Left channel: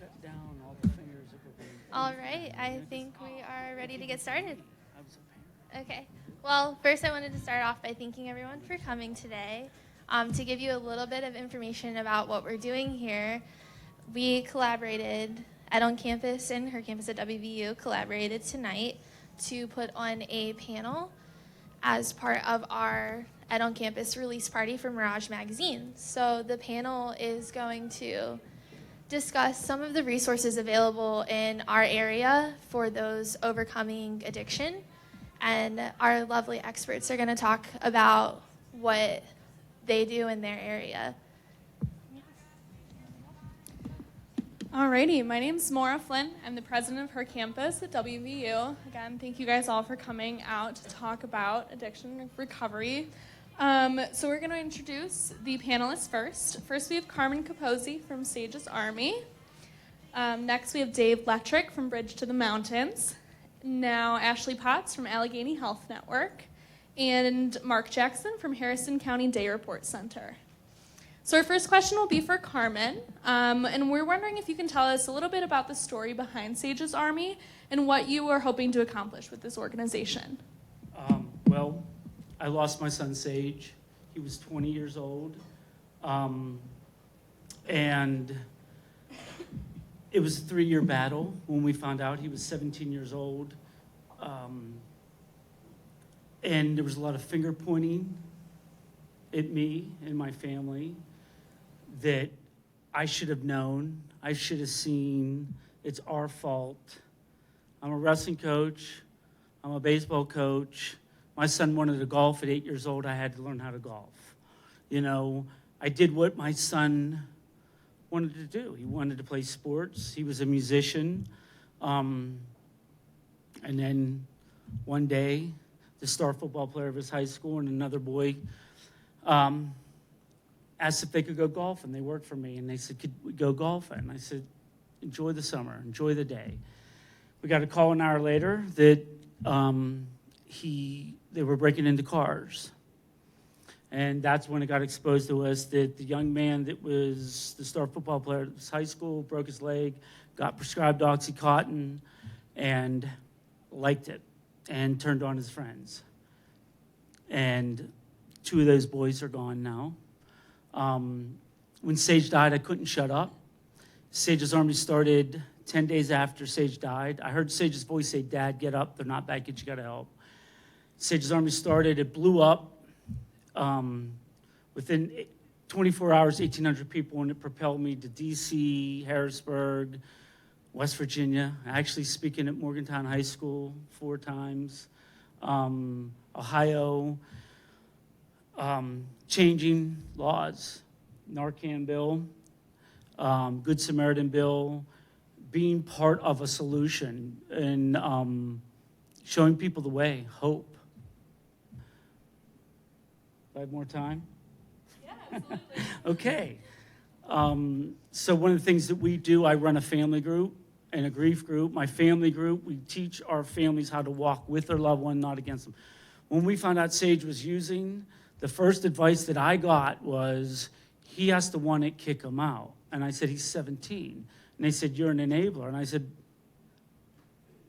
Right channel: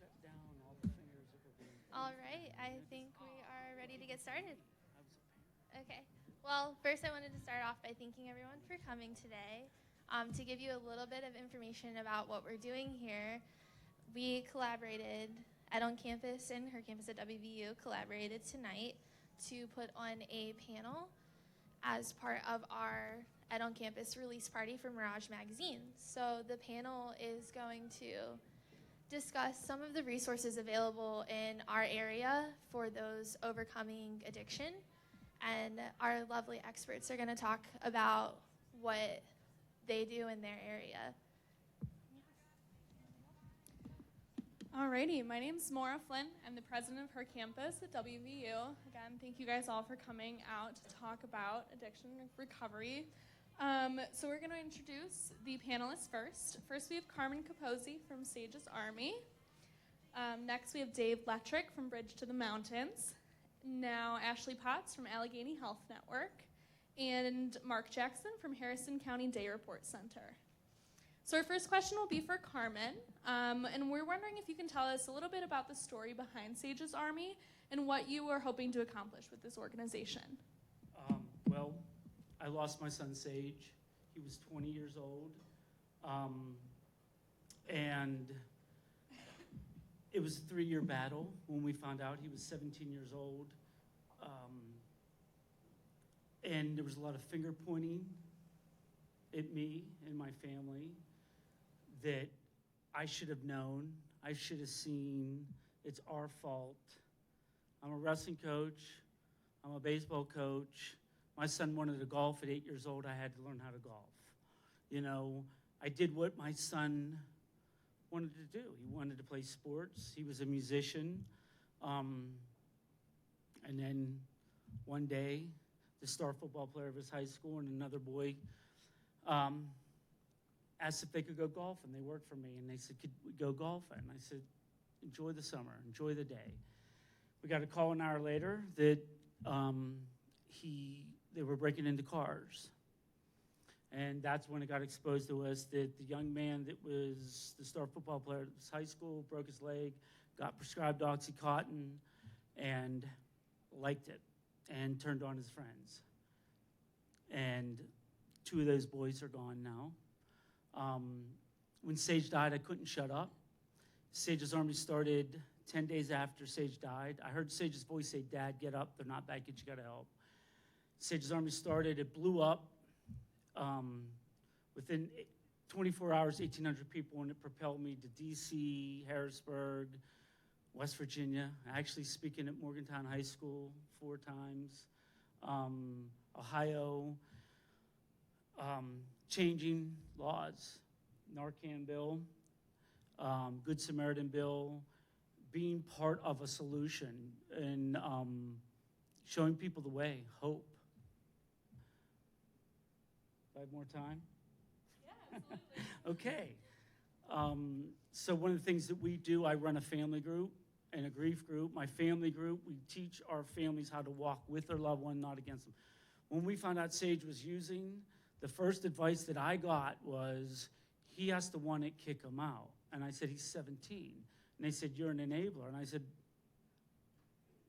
shut down all the fingers that were being... All right, I think we are ready to get started. I was a parent. Okay. Well, first I wanted to start off by thanking everyone for coming today. To give you a little bit of information about what we're doing here, we collaborated at On Campus and her campus at WVU collaborated tonight to put on a panel as part of our Ed On Campus release party for Mirage Magazine. So the panel is going to discuss some of the resources available in our area for those overcoming addiction. And our lovely experts are going to talk about what they do in their area. Alrighty, my name's Maura Flynn. I'm the president of her campus at WVU. Again, thank you guys all for coming out to talk about addiction recovery. So we're going to introduce the panelists first. First, we have Carmen Capozzi from Sage's Army. Next, we have Dave Lettrick from Bridge to the Mountains. Now, Ashley Potts from Allegheny Health Network. And Mark Jackson from Harrison County Day Report Center. So our first question will be for Carmen. And we're wondering if you can tell us a little bit about the story behind Sage's Army and what you are hoping to accomplish with this organization. Well, I lost my son, Sage. He was 20 years old. And it was a 3-year battle when we found out. He was 17 years old. And there was a lot of finger pointing at me and my family that I should have known, I should have seen, it's our fault. I'm a wrestling coach, I'm a baseball coach. My son wanted to golf at 8 years old. I had to learn how to golf. You know, I did what my son wanted to do. He wanted to play sports. He was a musician. And then one day, the star football player of his high school and another boy asked if they could go golfing. They worked for me, and they said, could we go golfing? And I said, enjoy the summer, enjoy the day. We got a call an hour later that they were breaking into cars. And that's when it got exposed to us that the young man that was the star football player at his high school broke his leg, got prescribed Oxycontin, and liked it, and turned on his friends. And 2 of those boys are gone now. When Sage died, I couldn't shut up. Sage's Army started 10 days after Sage died. I heard Sage's voice say, Dad, get up. They're not back yet. You got to help. Sage's Army started. It blew up. Within 24 hours, 1,800 people, and it propelled me to D.C., Harrisburg, West Virginia, actually speaking at Morgantown High School 4 times, Ohio, changing laws, Narcan bill, Good Samaritan bill, being part of a solution and showing people the way, hope. Do I have more time? Yeah, absolutely. Okay. So one of the things that we do, I run a family group and a grief group. My family group, we teach our families how to walk with their loved one, not against them. When we found out Sage was using, the first advice that I got was, he has to want it, kick him out. And I said, he's 17. And they said, you're an enabler. And I said,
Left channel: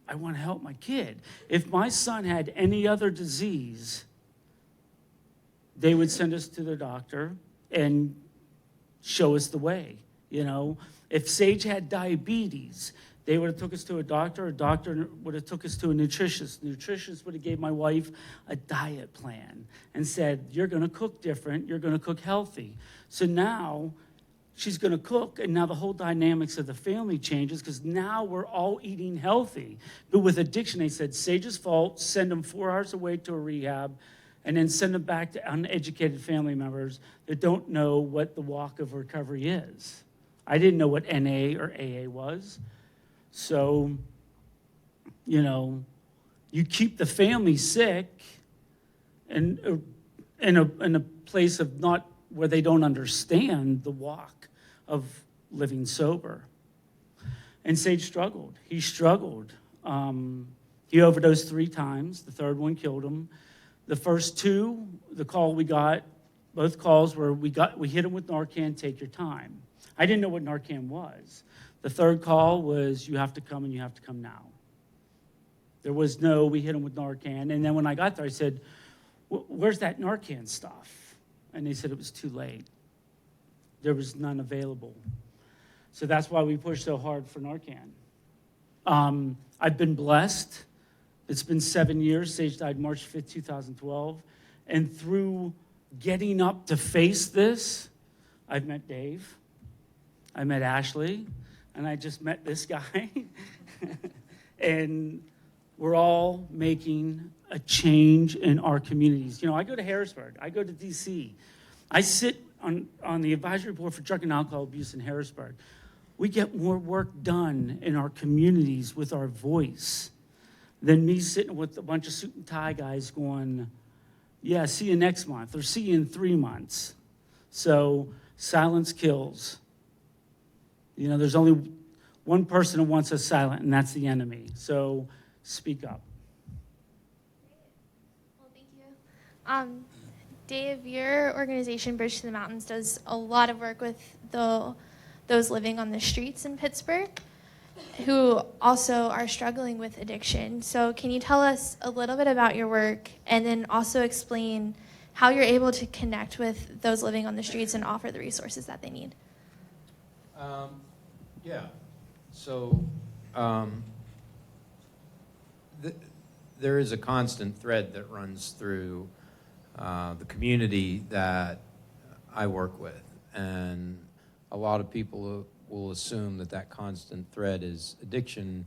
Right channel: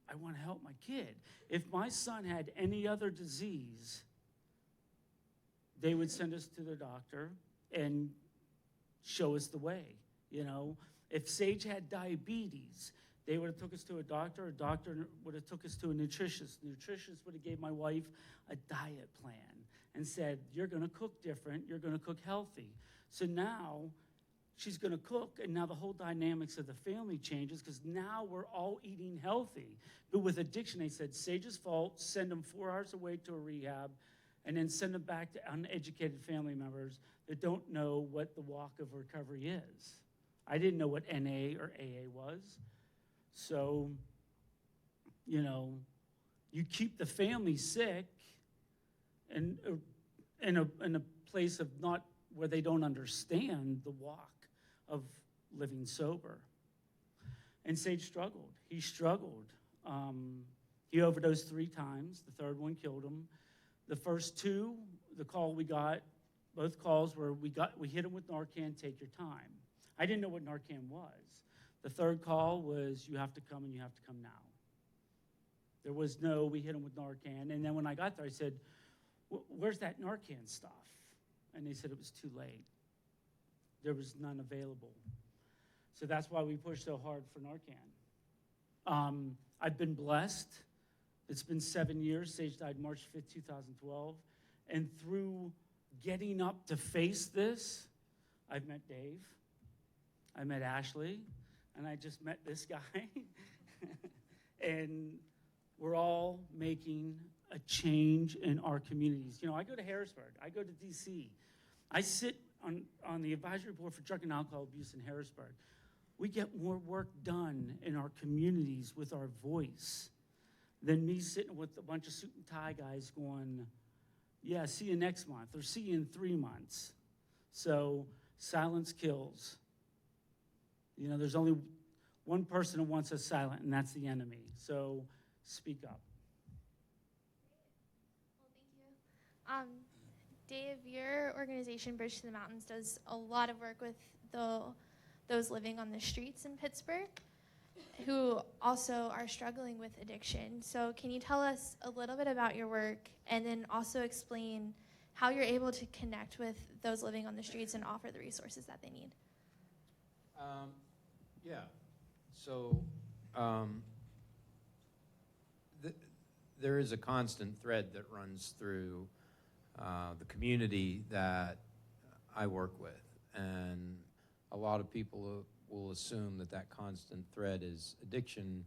I want to help my kid. If my son had any other disease, they would send us to their doctor and show us the way, you know. If Sage had diabetes, they would have took us to a doctor would have took us to a nutritionist. Nutritionist would have gave my wife a diet plan and said, you're going to cook different, you're going to cook healthy. So now she's going to cook, and now the whole dynamics of the family changes because now we're all eating healthy. But with addiction, they said, Sage's fault, send them 4 hours away to a rehab, and then send them back to uneducated family members that don't know what the walk of recovery is. I didn't know what NA or AA was. So, you know, you keep the family sick and in a place of not where they don't understand the walk of living sober. And Sage struggled. He struggled. He overdosed 3 times. The third one killed him. The first 2, the call we got, both calls were we hit him with Narcan, take your time. I didn't know what Narcan was. The third call was, you have to come and you have to come now. There was no, we hit them with Narcan. And then when I got there, I said, where's that Narcan stuff? And they said it was too late. There was none available. So that's why we pushed so hard for Narcan. I've been blessed. It's been 7 years. Sage died March 5th, 2012. And through getting up to face this, I've met Dave. I met Ashley. And I just met this guy. And we're all making a change in our communities. You know, I go to Harrisburg. I go to D.C. I sit on the advisory board for drug and alcohol abuse in Harrisburg. We get more work done in our communities with our voice than me sitting with a bunch of suit and tie guys going, yeah, see you next month, or see you in 3 months. So silence kills. You know, there's only one person who wants us silent, and that's the enemy. So speak up. Well, thank you. Dave, your organization, Bridge to the Mountains, does a lot of work with those living on the streets in Pittsburgh who also are struggling with addiction. So can you tell us a little bit about your work and then also explain how you're able to connect with those living on the streets and offer the resources that they need? Yeah. So there is a constant thread that runs through the community that I work with, and a lot of people will assume that that constant thread is addiction.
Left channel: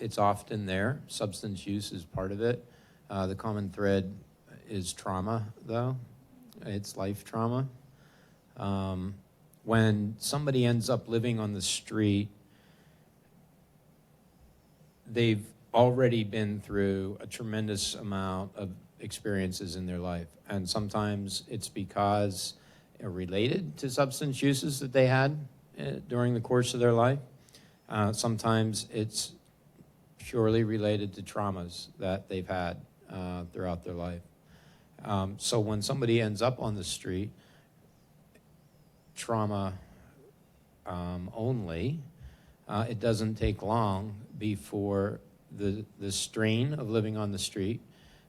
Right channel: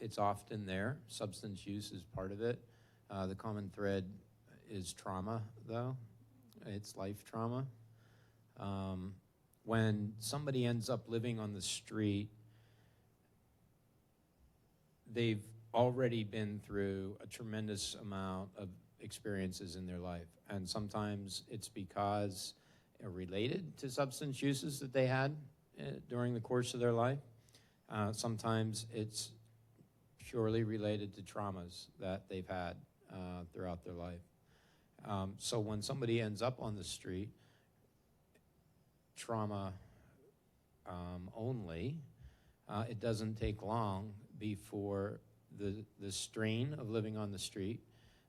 It's often there. Substance use is part of it. The common thread is trauma, though. It's life trauma. When somebody ends up living on the street, they've already been through a tremendous amount of experiences in their life. And sometimes it's because related to substance uses that they had during the course of their life. Sometimes it's purely related to traumas that they've had throughout their life. So when somebody ends up on the street, trauma only, it doesn't take long before the strain of living on the street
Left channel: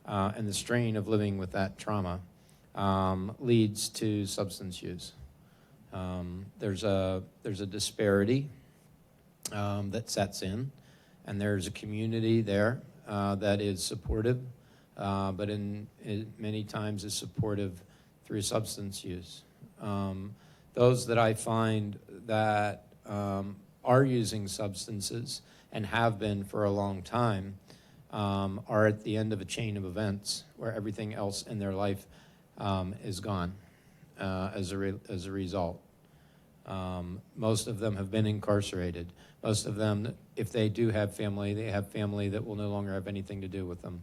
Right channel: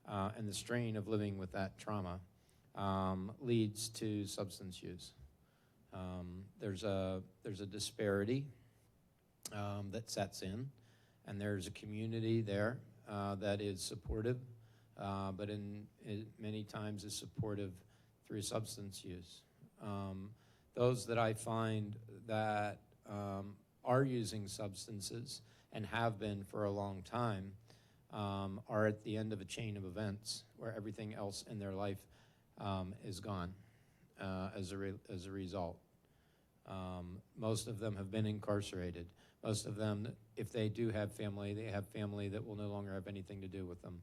and the strain of living with that trauma leads to substance use. There's a disparity that sets in, and there's a community there that is supportive, but many times is supportive through substance use. Those that I find that are using substances and have been for a long time are at the end of a chain of events where everything else in their life is gone as a result. Most of them have been incarcerated. Most of them, if they do have family, they have family that will no longer have anything to do with them.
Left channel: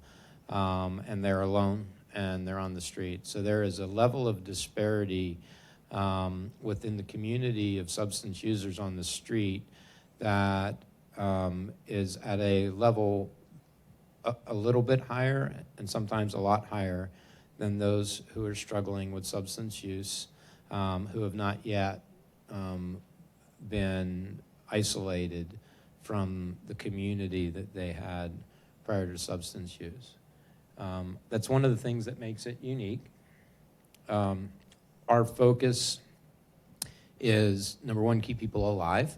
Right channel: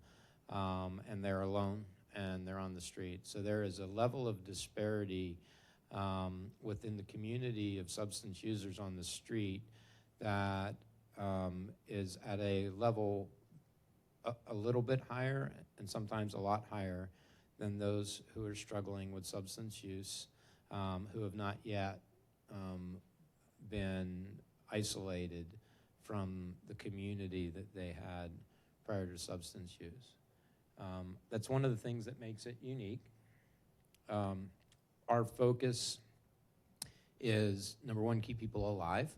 And they're alone and they're on the street. So there is a level of disparity within the community of substance users on the street that is at a level a little bit higher and sometimes a lot higher than those who are struggling with substance use, who have not yet been isolated from the community that they had prior to substance use. That's one of the things that makes it unique. Our focus is, number one, keep people alive.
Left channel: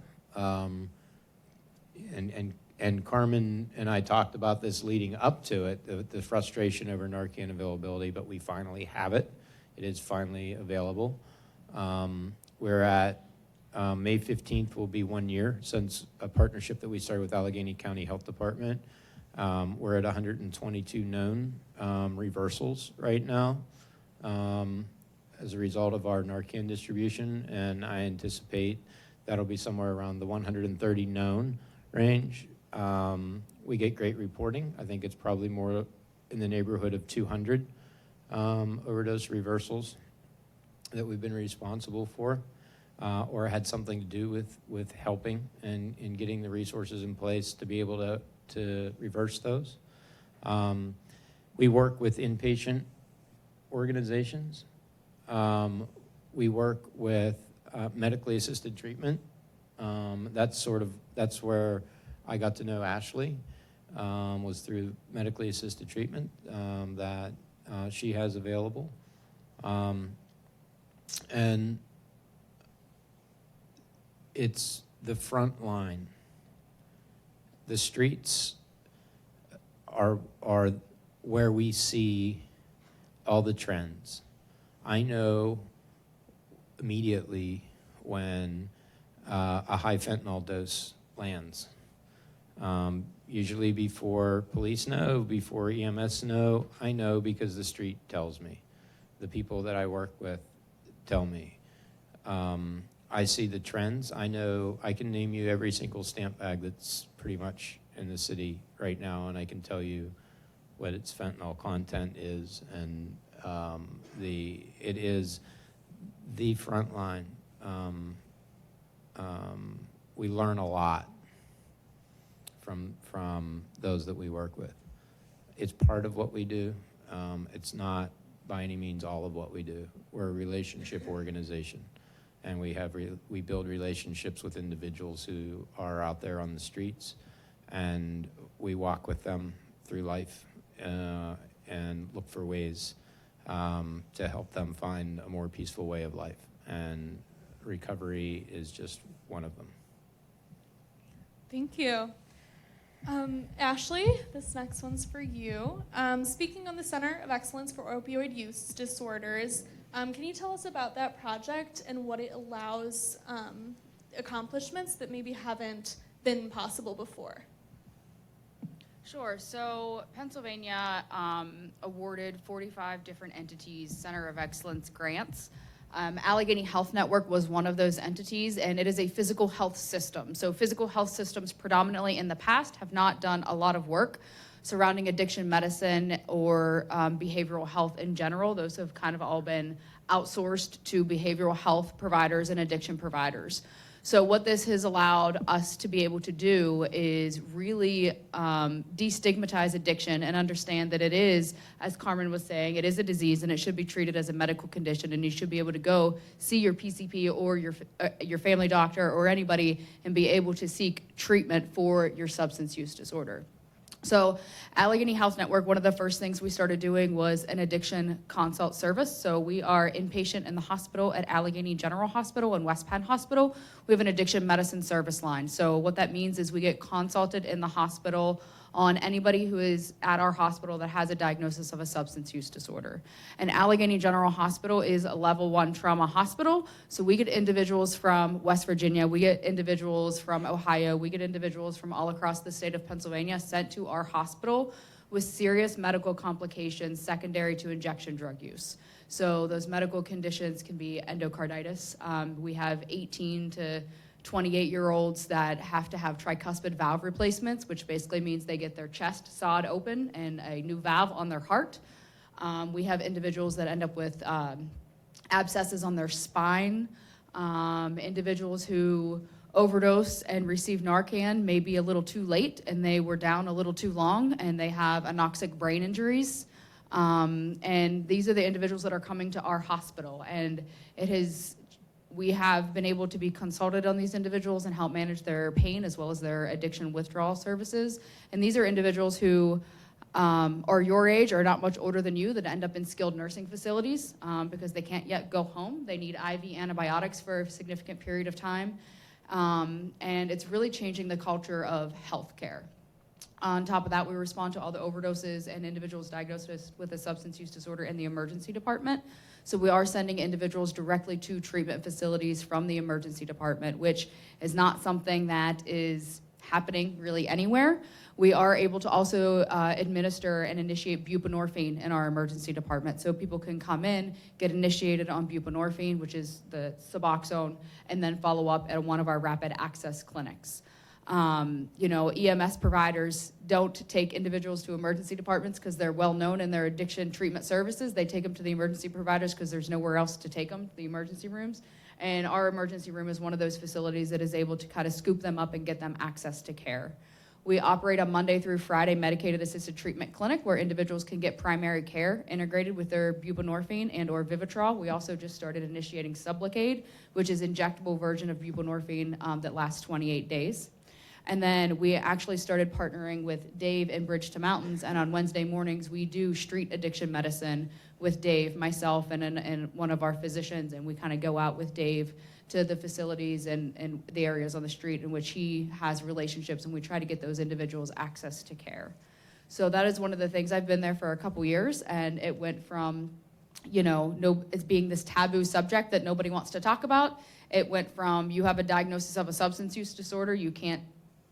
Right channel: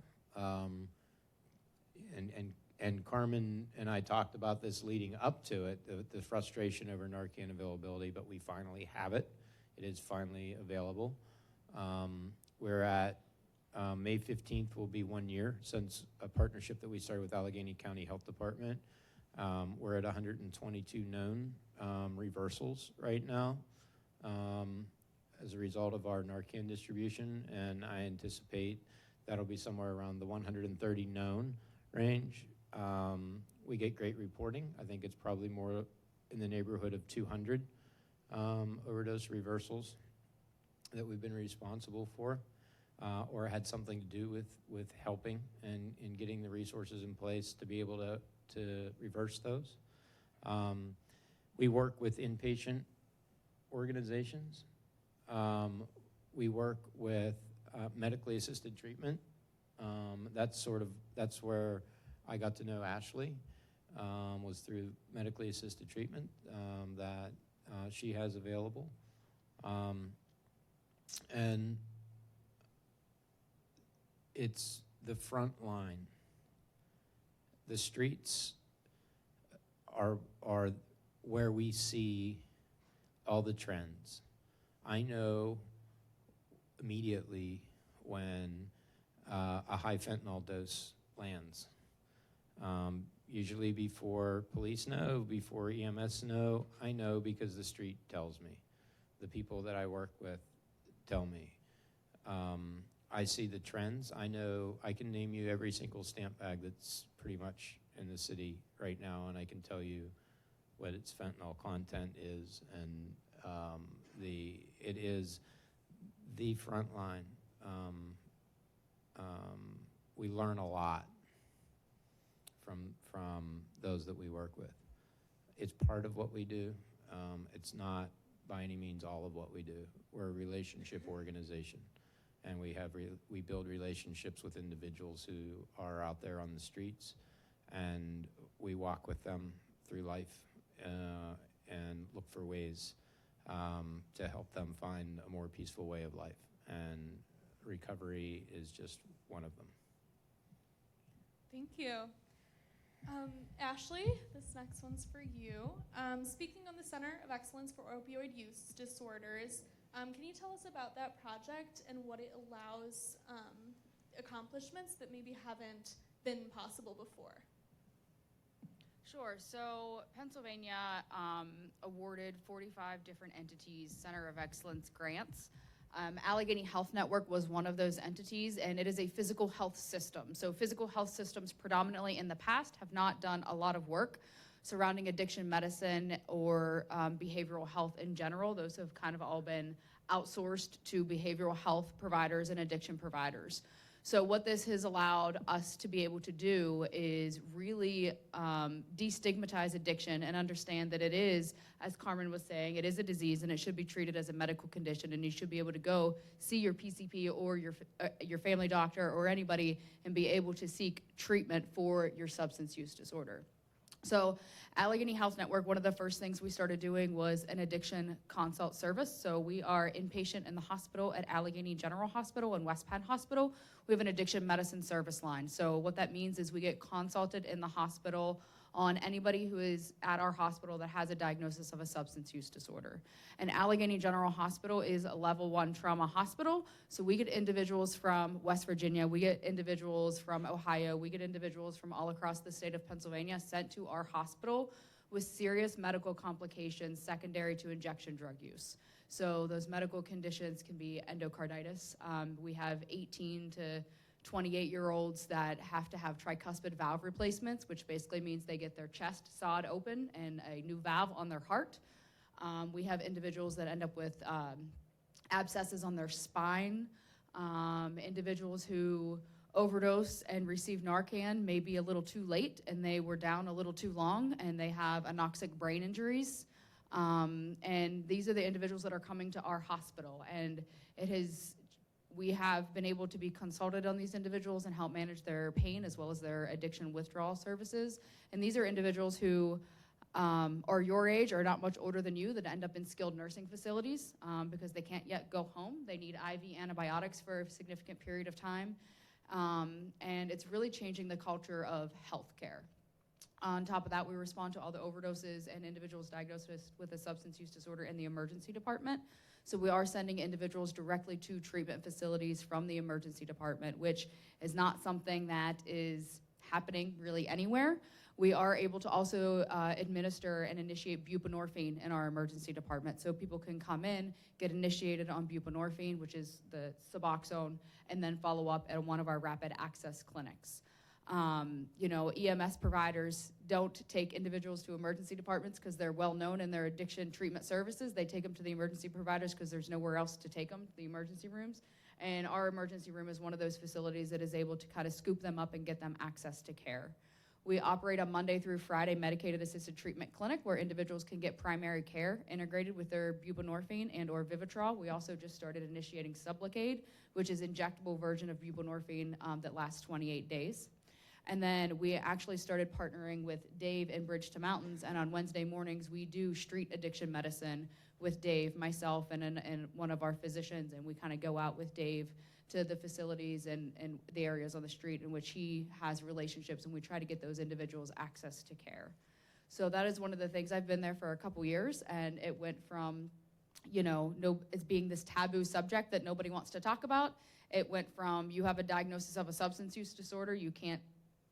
And Carmen and I talked about this leading up to it, the frustration over Narcan availability, but we finally have it. It is finally available. We're at May 15th will be 1 year since a partnership that we started with Allegheny County Health Department. We're at 122 known reversals right now as a result of our Narcan distribution, and I anticipate that'll be somewhere around the 130 known range. We get great reporting. I think it's probably more in the neighborhood of 200 overdose reversals that we've been responsible for or had something to do with helping and in getting the resources in place to be able to reverse those. We work with inpatient organizations. We work with medically assisted treatment that's where I got to know Ashley, was through medically assisted treatment that she has available. And it's the front line. The streets are where we see all the trends. I know immediately when a high fentanyl dose lands. Usually before police know, before EMS know, I know because the street tells me. The people that I work with tell me. I see the trends. I know I can name you every single stamp bag that's pretty much in the city right now, and I can tell you what its fentanyl content is, and it is the front line. We learn a lot from those that we work with. It's part of what we do. It's not by any means all of what we do. We're a relationship organization, and we build relationships with individuals who are out there on the streets, and we walk with them through life and look for ways to help them find a more peaceful way of life, and recovery is just one of them. Thank you. Ashley, this next one's for you. Speaking on the Center of Excellence for Opioid Use Disorders, can you tell us about that project and what it allows accomplishments that maybe haven't been possible before? Sure. So Pennsylvania awarded 45 different entities Center of Excellence grants. Allegheny Health Network was one of those entities, and it is a physical health system. So physical health systems predominantly in the past have not done a lot of work surrounding addiction medicine or behavioral health in general. Those have kind of all been outsourced to behavioral health providers and addiction providers. So what this has allowed us to be able to do is really destigmatize addiction and understand that it is, as Carmen was saying, it is a disease and it should be treated as a medical condition, and you should be able to go see your PCP or your family doctor or anybody and be able to seek treatment for your substance use disorder. So Allegheny Health Network, one of the first things we started doing was an addiction consult service. So we are inpatient in the hospital at Allegheny General Hospital and West Penn Hospital. We have an addiction medicine service line. So what that means is we get consulted in the hospital on anybody who is at our hospital that has a diagnosis of a substance use disorder. And Allegheny General Hospital is a level 1 trauma hospital. So we get individuals from West Virginia, we get individuals from Ohio, we get individuals from all across the state of Pennsylvania sent to our hospital with serious medical complications secondary to injection drug use. So those medical conditions can be endocarditis. We have 18 to 28-year-olds that have to have tricuspid valve replacements, which basically means they get their chest sawed open and a new valve on their heart. We have individuals that end up with abscesses on their spine, individuals who overdose and receive Narcan maybe a little too late and they were down a little too long and they have anoxic brain injuries. And these are the individuals that are coming to our hospital, and we have been able to be consulted on these individuals and help manage their pain as well as their addiction withdrawal services. And these are individuals who are your age or not much older than you that end up in skilled nursing facilities because they can't yet go home. They need IV antibiotics for a significant period of time. And it's really changing the culture of healthcare. On top of that, we respond to all the overdoses and individuals diagnosed with a substance use disorder in the emergency department. So we are sending individuals directly to treatment facilities from the emergency department, which is not something that is happening really anywhere. We are able to also administer and initiate buprenorphine in our emergency department. So people can come in, get initiated on buprenorphine, which is the Suboxone, and then follow up at one of our rapid access clinics. EMS providers don't take individuals to emergency departments because they're well known in their addiction treatment services. They take them to the emergency providers because there's nowhere else to take them, the emergency rooms. And our emergency room is one of those facilities that is able to kind of scoop them up and get them access to care. We operate a Monday through Friday medicated assisted treatment clinic where individuals can get primary care integrated with their buprenorphine and or Vivitrol. We also just started initiating Sublocade, which is injectable version of buprenorphine that lasts 28 days. And then we actually started partnering with Dave in Bridge to Mountains, and on Wednesday mornings we do street addiction medicine with Dave, myself, and one of our physicians, and we kind of go out with Dave to the facilities and the areas on the street in which he has relationships, and we try to get those individuals access to care. So that is one of the things. I've been there for a couple years, and it went from, it's being this taboo subject that nobody wants to talk about. It went from, you have a diagnosis of a substance use disorder, you can't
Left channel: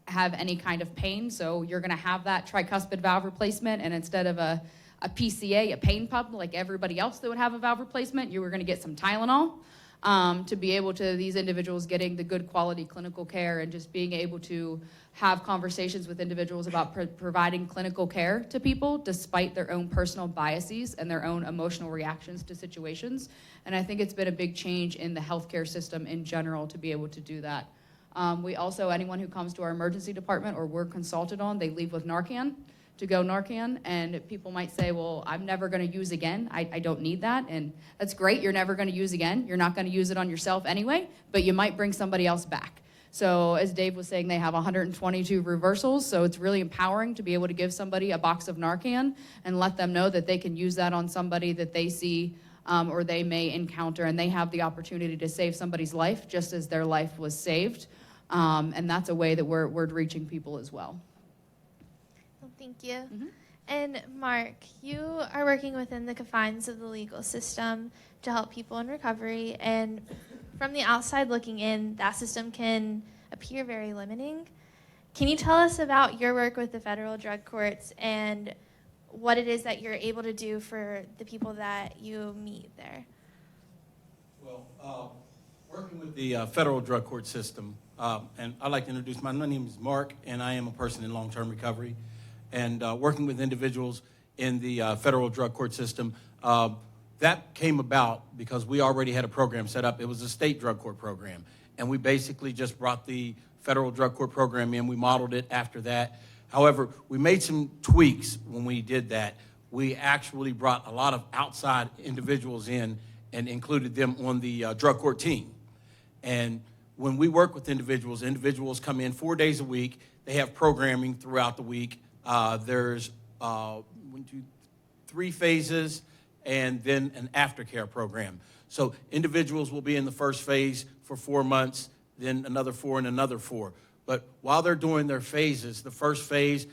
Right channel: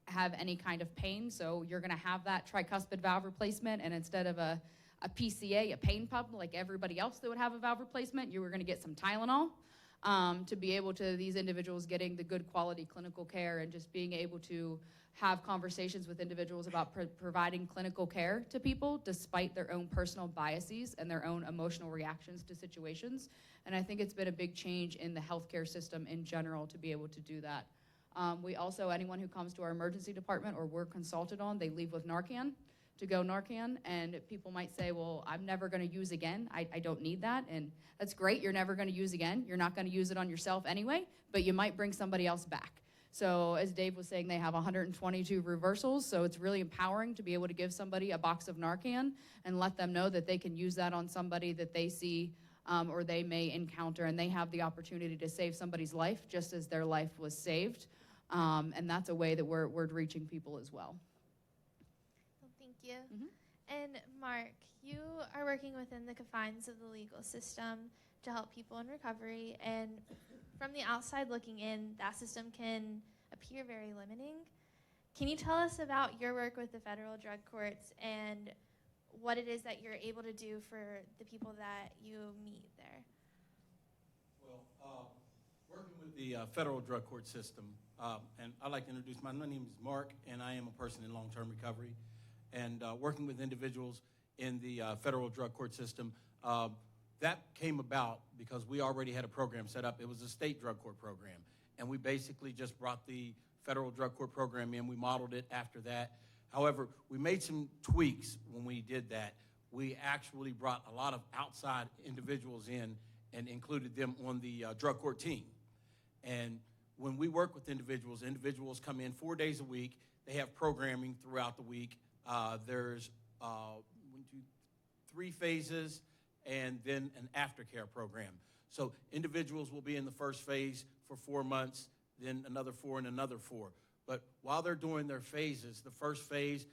have any kind of pain, so you're gonna have that tricuspid valve replacement, and instead of a PCA, a pain pump, like everybody else that would have a valve replacement, you were gonna get some Tylenol. To be able to, these individuals getting the good quality clinical care and just being able to have conversations with individuals about providing clinical care to people despite their own personal biases and their own emotional reactions to situations. And I think it's been a big change in the healthcare system in general to be able to do that. We also, anyone who comes to our emergency department or we're consulted on, they leave with Narcan, to go Narcan, and people might say, well, I'm never gonna use again, I don't need that, and that's great, you're never gonna use again, you're not gonna use it on yourself anyway, but you might bring somebody else back. So as Dave was saying, they have 122 reversals, so it's really empowering to be able to give somebody a box of Narcan and let them know that they can use that on somebody that they see or they may encounter, and they have the opportunity to save somebody's life just as their life was saved, and that's a way that we're reaching people as well. Well, thank you. And Mark, you are working within the confines of the legal system to help people in recovery, and from the outside looking in, that system can appear very limiting. Can you tell us about your work with the federal drug courts and what it is that you're able to do for the people that you meet there? Well, working with the federal drug court system, and I'd like to introduce my name is Mark, and I am a person in long-term recovery. And working with individuals in the federal drug court system, that came about because we already had a program set up. It was a state drug court program, and we basically just brought the federal drug court program in. We modeled it after that. However, we made some tweaks when we did that. We actually brought a lot of outside individuals in and included them on the drug court team. And when we work with individuals, individuals come in 4 days a week. They have programming throughout the week. There's 3 phases and then an aftercare program. So individuals will be in the first phase for 4 months, then another 4 and another 4. But while they're doing their phases, the first phase,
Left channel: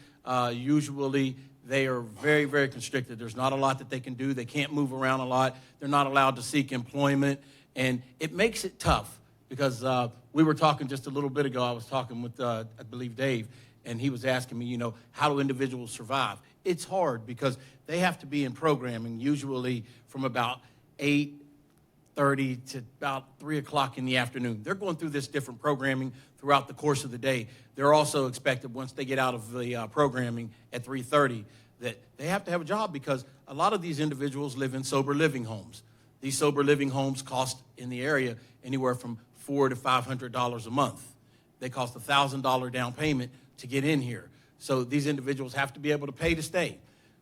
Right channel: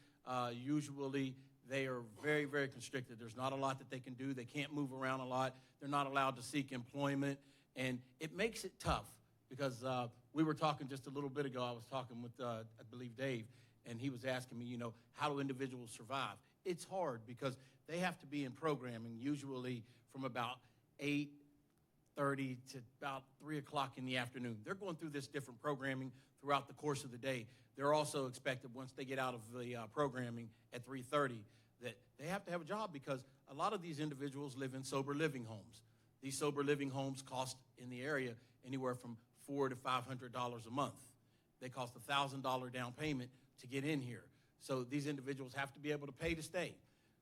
usually they are very, very constricted. There's not a lot that they can do. They can't move around a lot. They're not allowed to seek employment. And it makes it tough because we were talking just a little bit ago. I was talking with, I believe, Dave, and he was asking me, how do individuals survive? It's hard because they have to be in programming usually from about 8:30 to about 3 o'clock in the afternoon. They're going through this different programming throughout the course of the day. They're also expected once they get out of the programming at 3:30 that they have to have a job because a lot of these individuals live in sober living homes. These sober living homes cost in the area anywhere from $400 to $500 a month. They cost $1,000 down payment to get in here. So these individuals have to be able to pay to stay.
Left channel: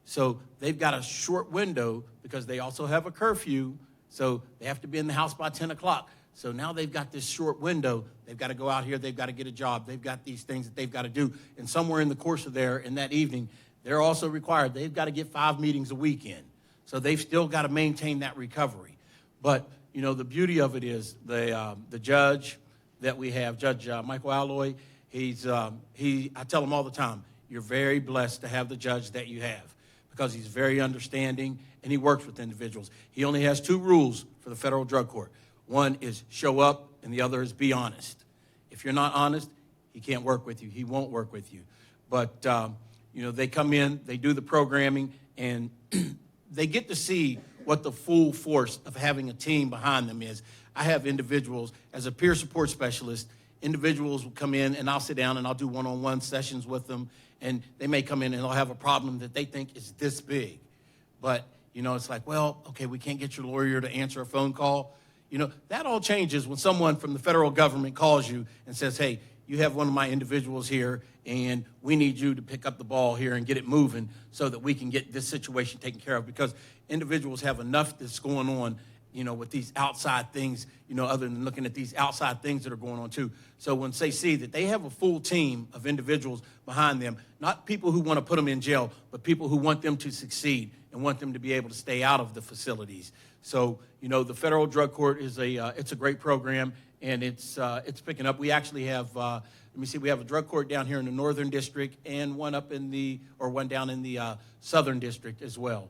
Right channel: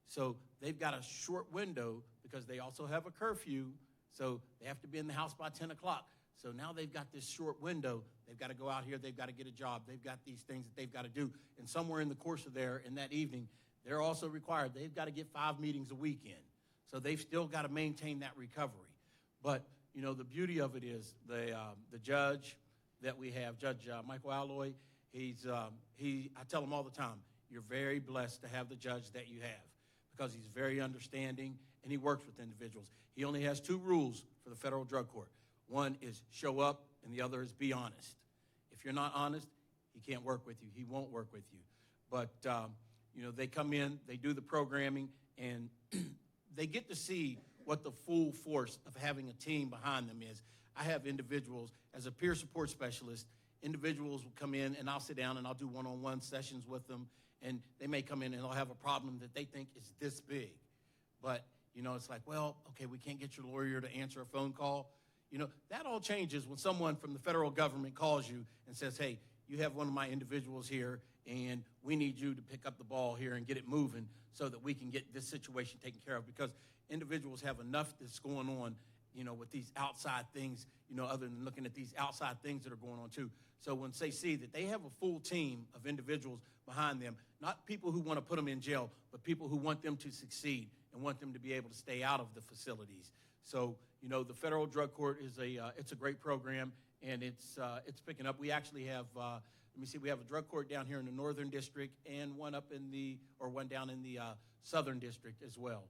So they've got a short window because they also have a curfew. So they have to be in the house by 10 o'clock. So now they've got this short window. They've got to go out here. They've got to get a job. They've got these things that they've got to do. And somewhere in the course of in that evening, they're also required. They've got to get 5 meetings a week in. So they've still got to maintain that recovery. But, the beauty of it is the judge that we have, Judge Michael Alloy, I tell him all the time, you're very blessed to have the judge that you have because he's very understanding and he works with individuals. He only has 2 rules for the federal drug court. One is show up and the other is be honest. If you're not honest, he can't work with you. He won't work with you. But, they come in, they do the programming, and they get to see what the full force of having a team behind them is. I have individuals, as a peer support specialist, individuals will come in and I'll sit down and I'll do one-on-one sessions with them, and they may come in and they'll have a problem that they think is this big. But, it's like, well, okay, we can't get your lawyer to answer a phone call. That all changes when someone from the federal government calls you and says, hey, you have one of my individuals here, and we need you to pick up the ball here and get it moving so that we can get this situation taken care of, because individuals have enough that's going on, with these outside things, other than looking at these outside things that are going on too. So when they see that they have a full team of individuals behind them, not people who want to put them in jail, but people who want them to succeed and want them to be able to stay out of the facilities. So, the federal drug court is it's a great program, and it's picking up. We actually have, we have a drug court down here in the Northern District and one down in the Southern District as well.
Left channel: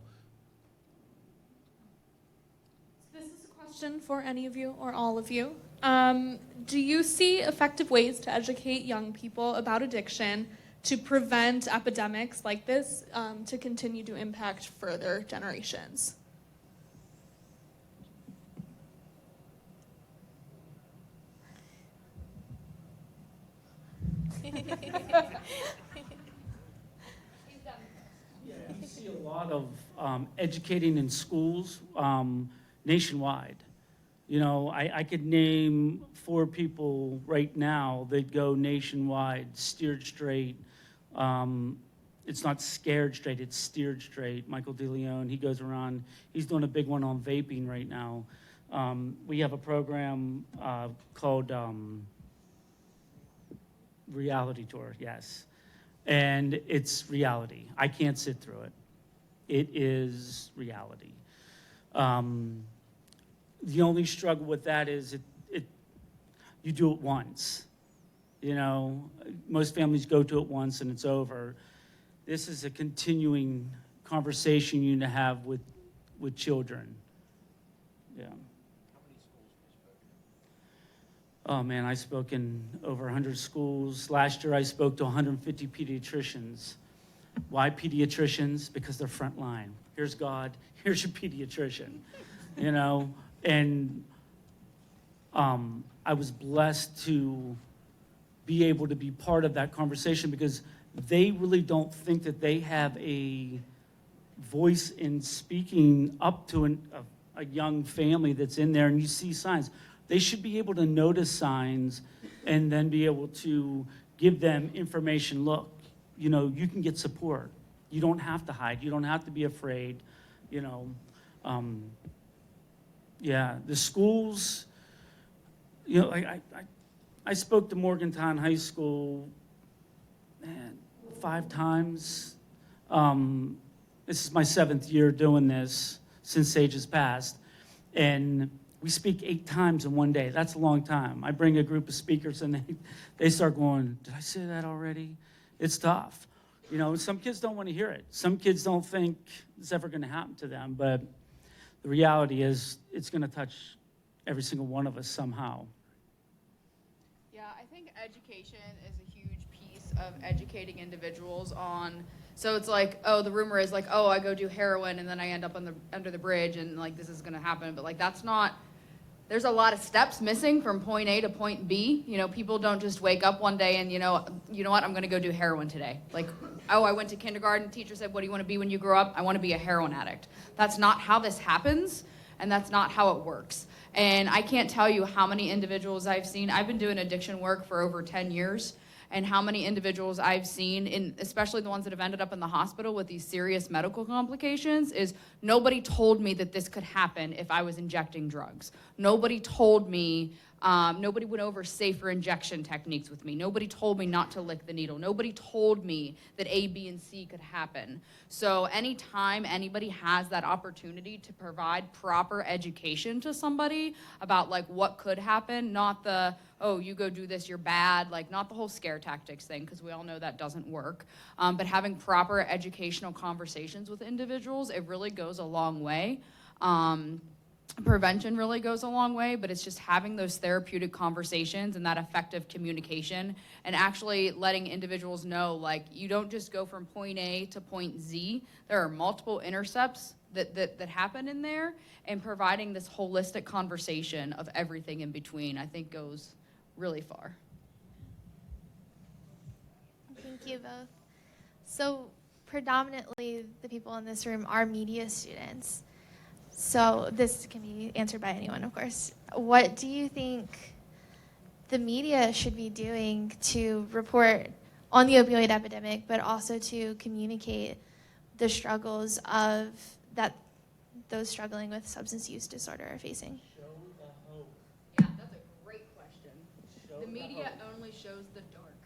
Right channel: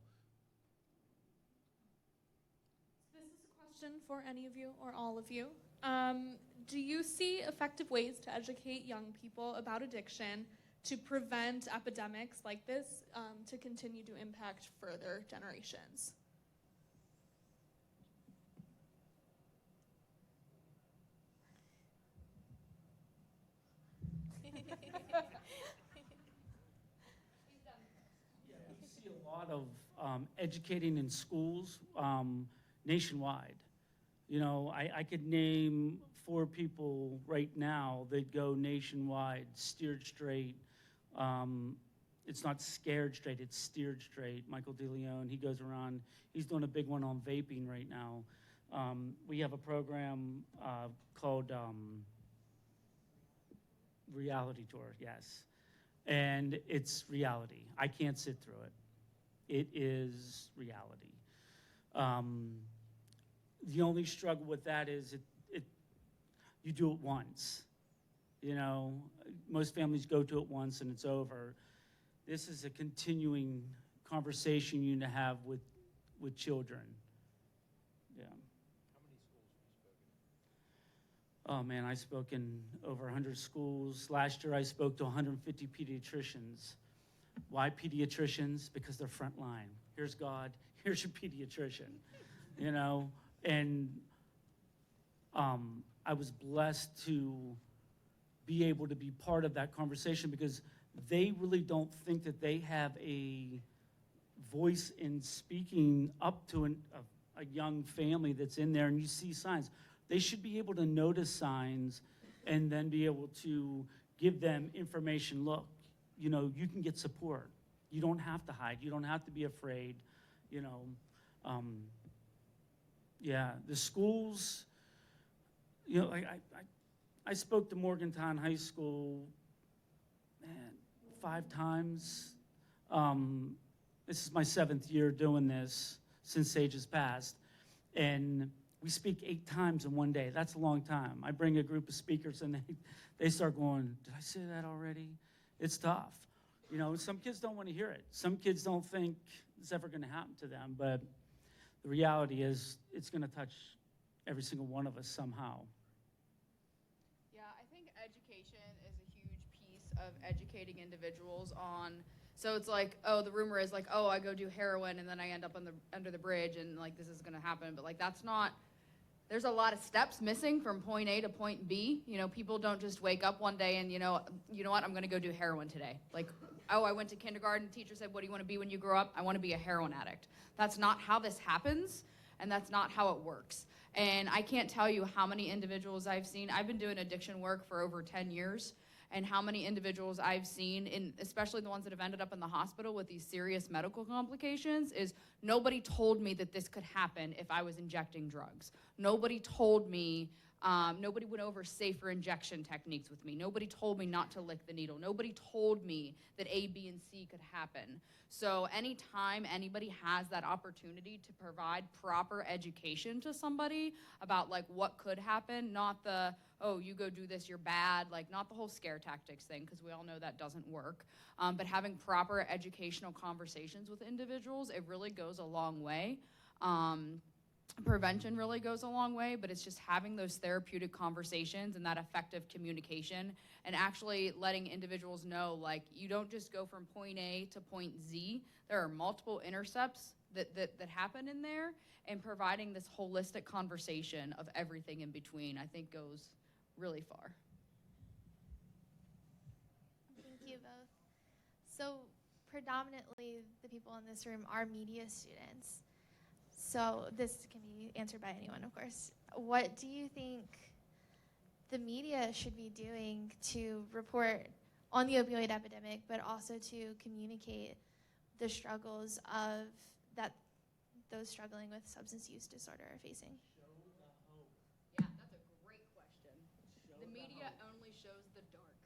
This is a question for any of you or all of you. Do you see effective ways to educate young people about addiction to prevent epidemics like this to continue to impact further generations? We see a lot of educating in schools nationwide. I could name 4 people right now that go nationwide, steered straight. It's not scared straight, it's steered straight. Michael DeLeon, he goes around, he's doing a big one on vaping right now. We have a program called Reality Tour, yes. And it's reality. I can't sit through it. It is reality. The only struggle with that is you do it once. Most families go to it once and it's over. This is a continuing conversation you need to have with children. Yeah. Oh man, I spoke in over 100 schools. Last year I spoke to 150 pediatricians. Why pediatricians? Because they're front line. Here's God, here's your pediatrician. And I was blessed to be able to be part of that conversation, because they really don't think that they have a voice in speaking up to a young family that's in there, and you see signs. They should be able to notice signs and then be able to give them information. Look, you can get support. You don't have to hide. You don't have to be afraid. The schools, I spoke to Morgantown High School, 5 times. This is my 7th year doing this since Sage has passed. And we speak 8 times in one day. That's a long time. I bring a group of speakers and they start going, did I say that already? It's tough. Some kids don't want to hear it. Some kids don't think it's ever going to happen to them. But the reality is it's going to touch every single one of us somehow. Yeah, I think education is a huge piece of educating individuals on. So it's like, the rumor is like, I go do heroin and then I end up under the bridge and this is going to happen. But that's not. There's a lot of steps missing from point A to point B. People don't just wake up one day and, you know what, I'm going to go do heroin today. I went to kindergarten, teacher said, what do you want to be when you grow up? I want to be a heroin addict. That's not how this happens, and that's not how it works. And I can't tell you how many individuals I've seen. I've been doing addiction work for over 10 years, and how many individuals I've seen, especially the ones that have ended up in the hospital with these serious medical complications, is nobody told me that this could happen if I was injecting drugs. Nobody told me, nobody went over safer injection techniques with me. Nobody told me not to lick the needle. Nobody told me that A, B, and C could happen. So anytime anybody has that opportunity to provide proper education to somebody about what could happen, not the, you go do this, you're bad, not the whole scare tactics thing, because we all know that doesn't work, but having proper educational conversations with individuals, it really goes a long way. Prevention really goes a long way, but it's just having those therapeutic conversations and that effective communication and actually letting individuals know, you don't just go from point A to point Z. There are multiple intercepts that happen in there, and providing this holistic conversation of everything in between, I think, goes really far. Thank you both. So predominantly the people in this room are media students. So this can be answered by anyone, of course. What do you think the media should be doing to report on the opioid epidemic, but also to communicate the struggles of that those struggling with substance use disorder are facing? Yeah, that's a great question. The media only shows the dark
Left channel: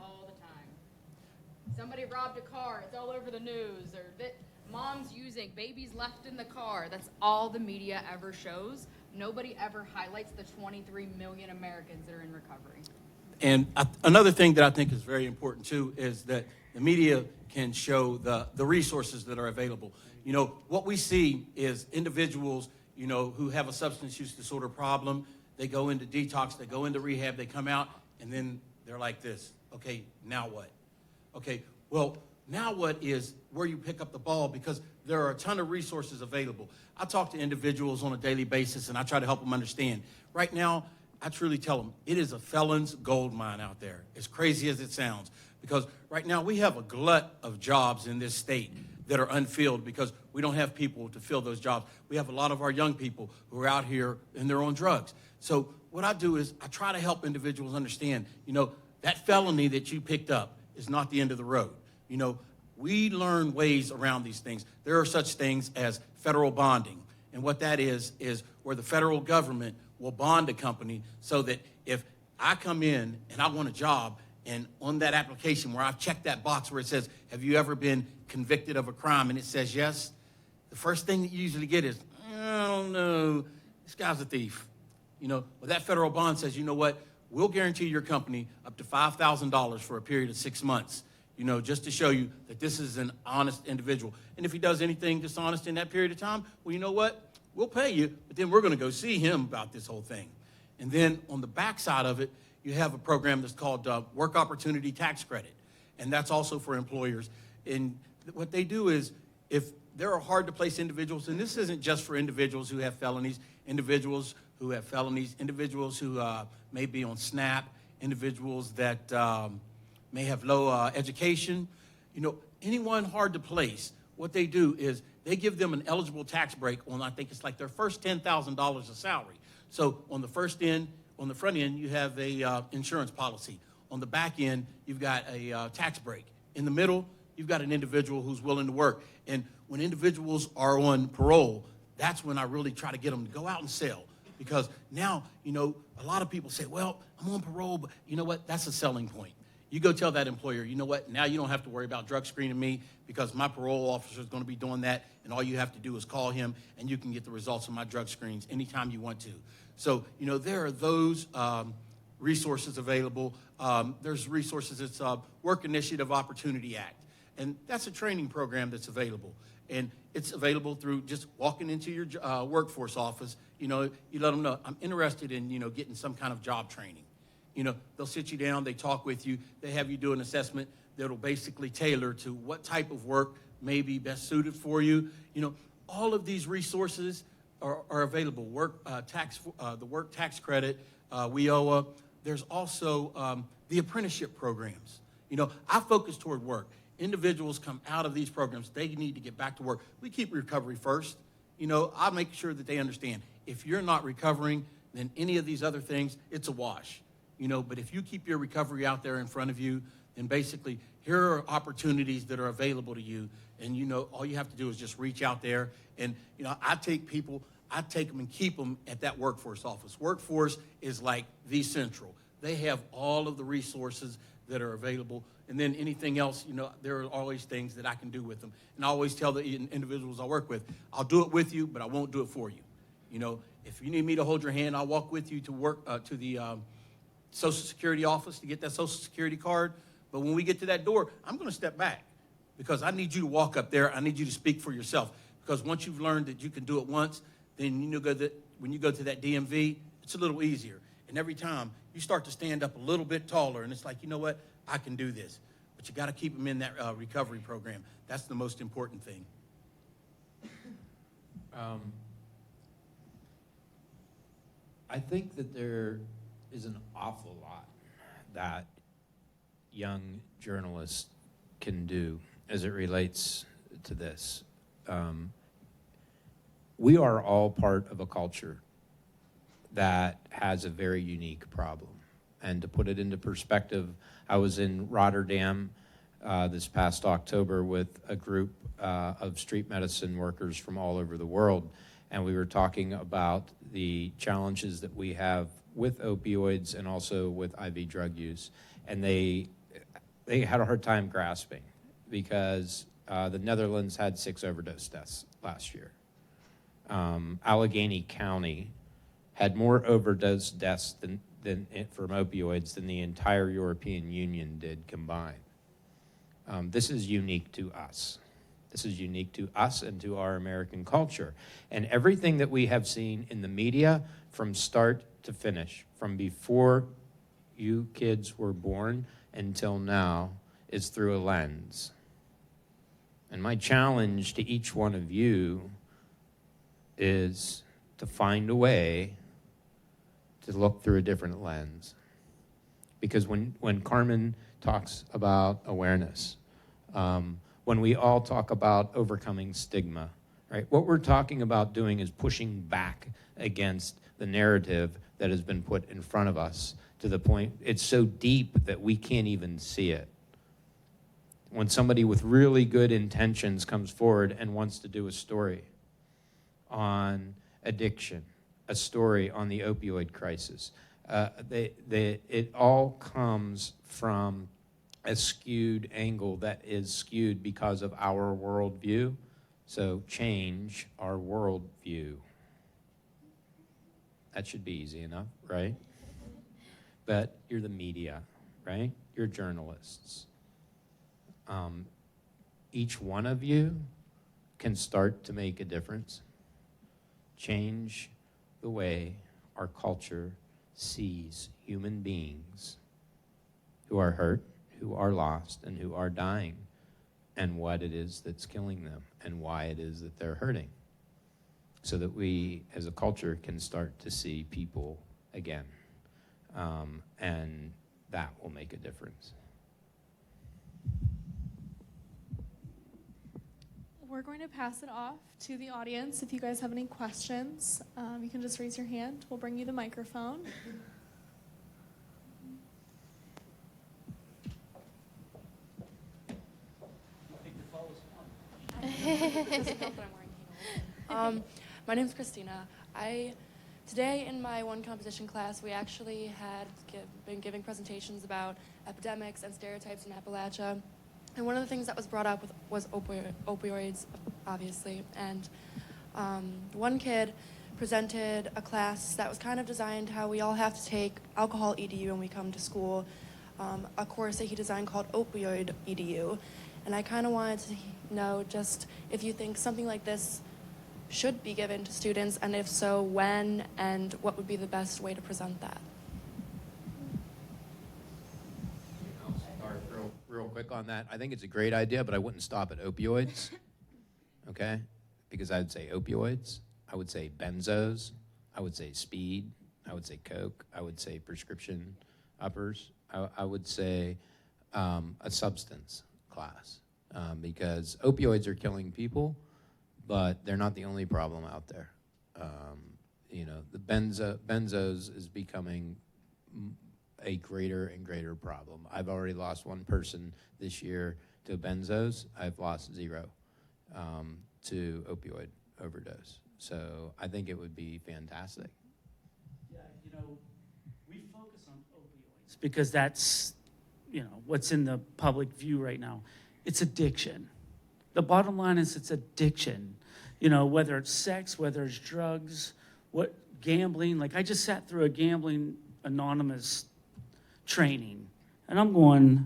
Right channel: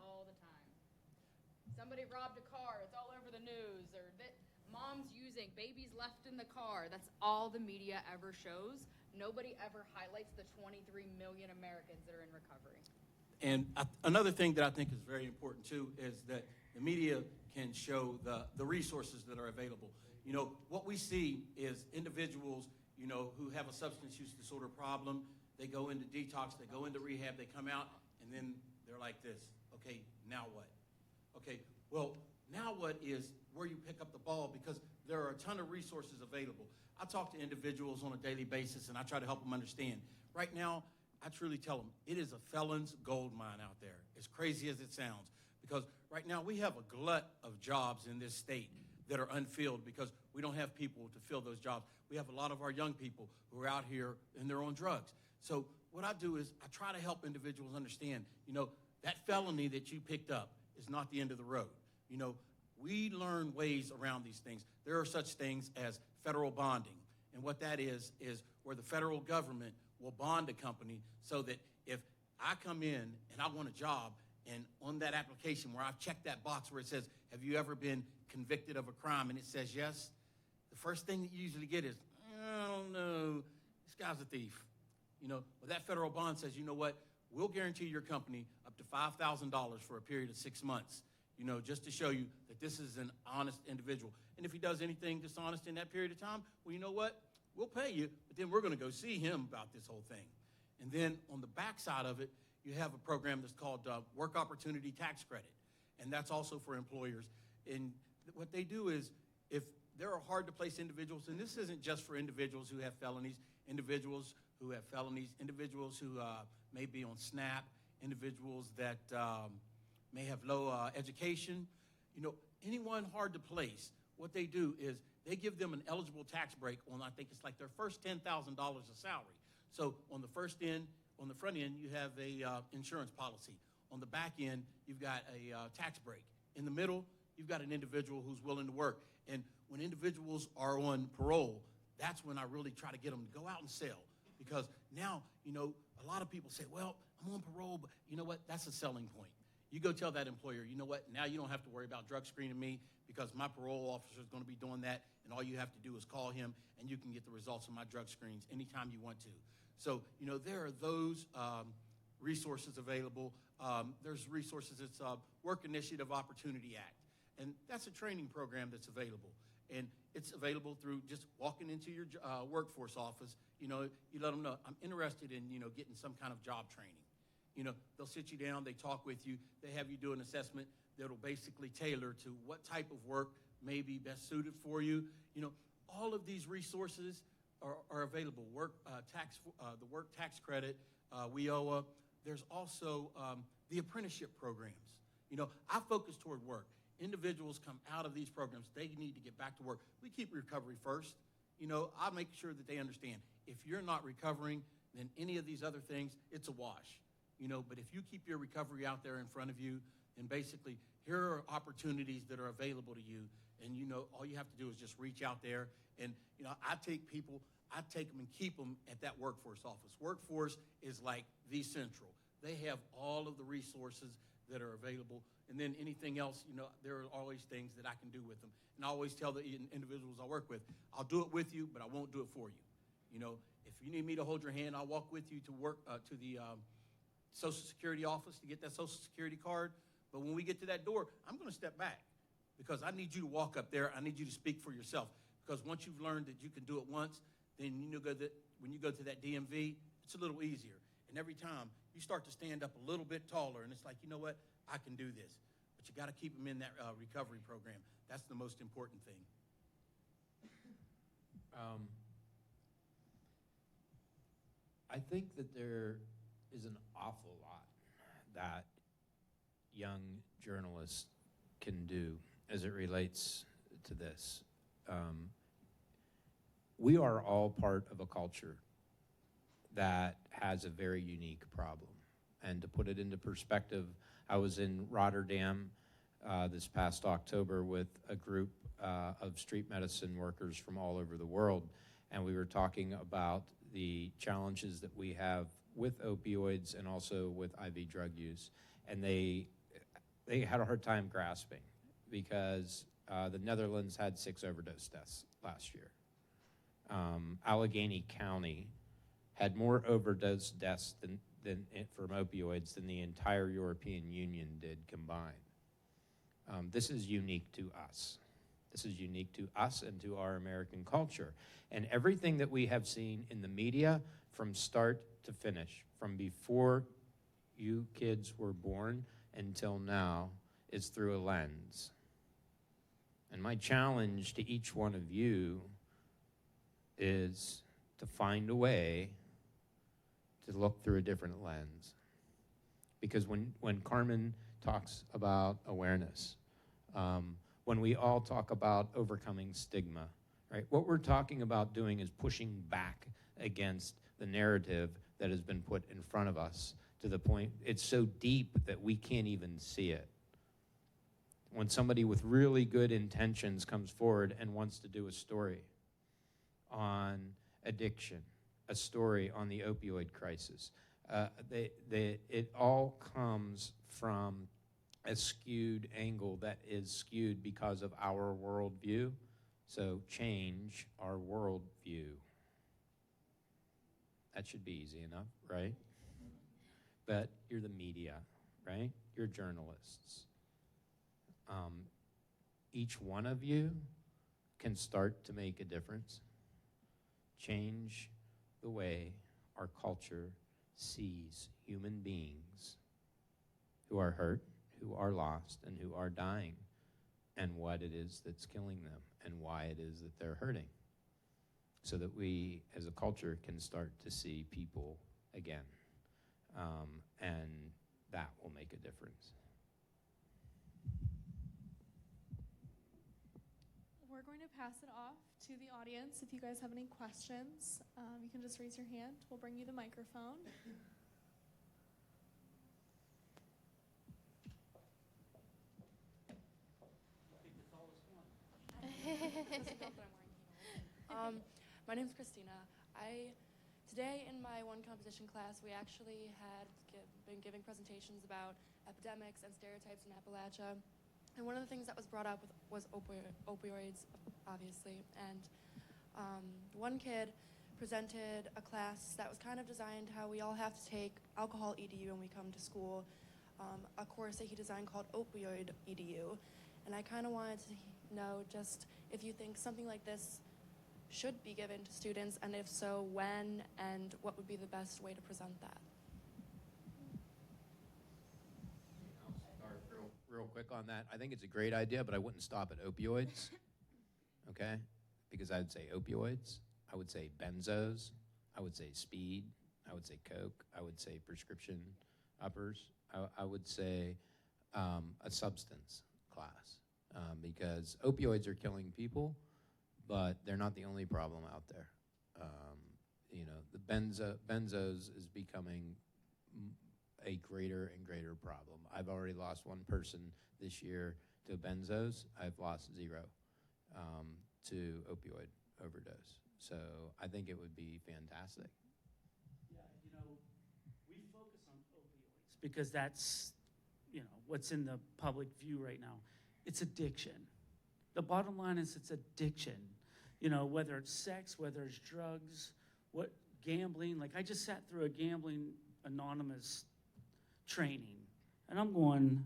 all the time. Somebody robbed a car, it's all over the news, or that mom's using, baby's left in the car. That's all the media ever shows. Nobody ever highlights the 23 million Americans that are in recovery. And another thing that I think is very important too is that the media can show the resources that are available. You know, what we see is individuals, you know, who have a substance use disorder problem. They go into detox, they go into rehab, they come out, and then they're like this. Okay, now what? Okay, well, now what is where you pick up the ball, because there are a ton of resources available. I talk to individuals on a daily basis, and I try to help them understand. Right now, I truly tell them, it is a felon's gold mine out there, as crazy as it sounds. Because right now, we have a glut of jobs in this state that are unfilled because we don't have people to fill those jobs. We have a lot of our young people who are out here and they're on drugs. So what I do is I try to help individuals understand, you know, that felony that you picked up is not the end of the road. You know, we learn ways around these things. There are such things as federal bonding. And what that is where the federal government will bond a company so that if I come in and I want a job, and on that application where I've checked that box where it says, have you ever been convicted of a crime? And it says yes, the first thing that you usually get is, I don't know, this guy's a thief. You know, well, that federal bond says, you know what, we'll guarantee your company up to $5,000 for a period of 6 months, you know, just to show you that this is an honest individual. And if he does anything dishonest in that period of time, well, you know what, we'll pay you, but then we're going to go see him about this whole thing. And then on the backside of it, you have a program that's called Work Opportunity Tax Credit, and that's also for employers. And what they do is, if there are hard-to-place individuals, and this isn't just for individuals who have felonies, individuals who have felonies, individuals who may be on SNAP, individuals that may have low education, you know, anyone hard to place, what they do is they give them an eligible tax break on, I think it's like their first $10,000 of salary. So on the front end, you have a insurance policy. On the back end, you've got a tax break. In the middle, you've got an individual who's willing to work. And when individuals are on parole, that's when I really try to get them to go out and sell. Because now, you know, a lot of people say, well, I'm on parole, but you know what? That's a selling point. You go tell that employer, you know what? Now you don't have to worry about drug screening me because my parole officer is going to be doing that, and all you have to do is call him, and you can get the results of my drug screens anytime you want to. So, you know, there are those resources available. There's resources, it's Work Initiative Opportunity Act, and that's a training program that's available. And it's available through just walking into your workforce office. You know, you let them know, I'm interested in, you know, getting some kind of job training. You know, they'll sit you down, they talk with you, they have you do an assessment that'll basically tailor to what type of work may be best suited for you. You know, all of these resources are available. The work tax credit, WIOA. There's also the apprenticeship programs. You know, I focus toward work. Individuals come out of these programs, they need to get back to work. We keep recovery first. You know, I make sure that they understand if you're not recovering, then any of these other things, it's a wash. You know, but if you keep your recovery out there in front of you, then basically here are opportunities that are available to you. And, you know, all you have to do is just reach out there. And, you know, I take them and keep them at that workforce office. Workforce is like the central. They have all of the resources that are available. And then anything else, you know, there are always things that I can do with them. And I always tell the individuals I work with, I'll do it with you, but I won't do it for you. You know, if you need me to hold your hand, I'll walk with you to work to the Social Security office to get that Social Security card. But when we get to that door, I'm going to step back because I need you to walk up there. I need you to speak for yourself. Because once you've learned that you can do it once, then you know that when you go to that DMV, it's a little easier. And every time you start to stand up a little bit taller, and it's like, you know what, I can do this. But you got to keep them in that recovery program. That's the most important thing. I think that there is an awful lot that young journalists can do as it relates to this. We are all part of a culture that has a very unique problem. And to put it into perspective, I was in Rotterdam this past October with a group of street medicine workers from all over the world, and we were talking about the challenges that we have with opioids and also with IV drug use. And they had a hard time grasping because the Netherlands had 6 overdose deaths last year. Allegheny County had more overdose deaths from opioids than the entire European Union did combined. This is unique to us. This is unique to us and to our American culture. And everything that we have seen in the media from start to finish, from before you kids were born until now, is through a lens. And my challenge to each one of you is to find a way to look through a different lens. Because when Carmen talks about awareness, when we all talk about overcoming stigma, right? What we're talking about doing is pushing back against the narrative that has been put in front of us to the point it's so deep that we can't even see it. When somebody with really good intentions comes forward and wants to do a story on addiction, a story on the opioid crisis, it all comes from a skewed angle that is skewed because of our worldview. So change our worldview. That should be easy enough, right? But you're the media, right? You're journalists. Each one of you can start to make a difference. Change the way our culture sees human beings who are hurt, who are lost, and who are dying, and what it is that's killing them, and why it is that they're hurting, so that we, as a culture, can start to see people again, and that will make a difference. We're going to pass it off to the audience. If you guys have any questions, you can just raise your hand. We'll bring you the microphone. My name's Christina. Today in my one composition class, we actually had been giving presentations about epidemics and stereotypes in Appalachia. And one of the things that was brought up was opioids, obviously. And one kid presented a class that was kind of designed how we all have to take alcohol EDU when we come to school, a course that he designed called Opioid EDU. And I kind of wanted to know just if you think something like this should be given to students, and if so, when, and what would be the best way to present that? I'll start real quick on that. I think it's a great idea, but I wouldn't stop at opioids, okay? Because I would say opioids, I would say benzos, I would say speed, I would say coke, I would say prescription uppers, I would say a substance class, because opioids are killing people, but they're not the only problem out there. The benzos is becoming a greater and greater problem. I've already lost one person this year to benzos. I've lost 0 to opioid overdose. So I think it would be fantastic. Yeah, we focus on opioids because that's, what's in the public view right now. It's addiction. The bottom line is it's addiction. Whether it's sex, whether it's drugs, gambling. Like I just sat through a gambling anonymous training, and I'm going,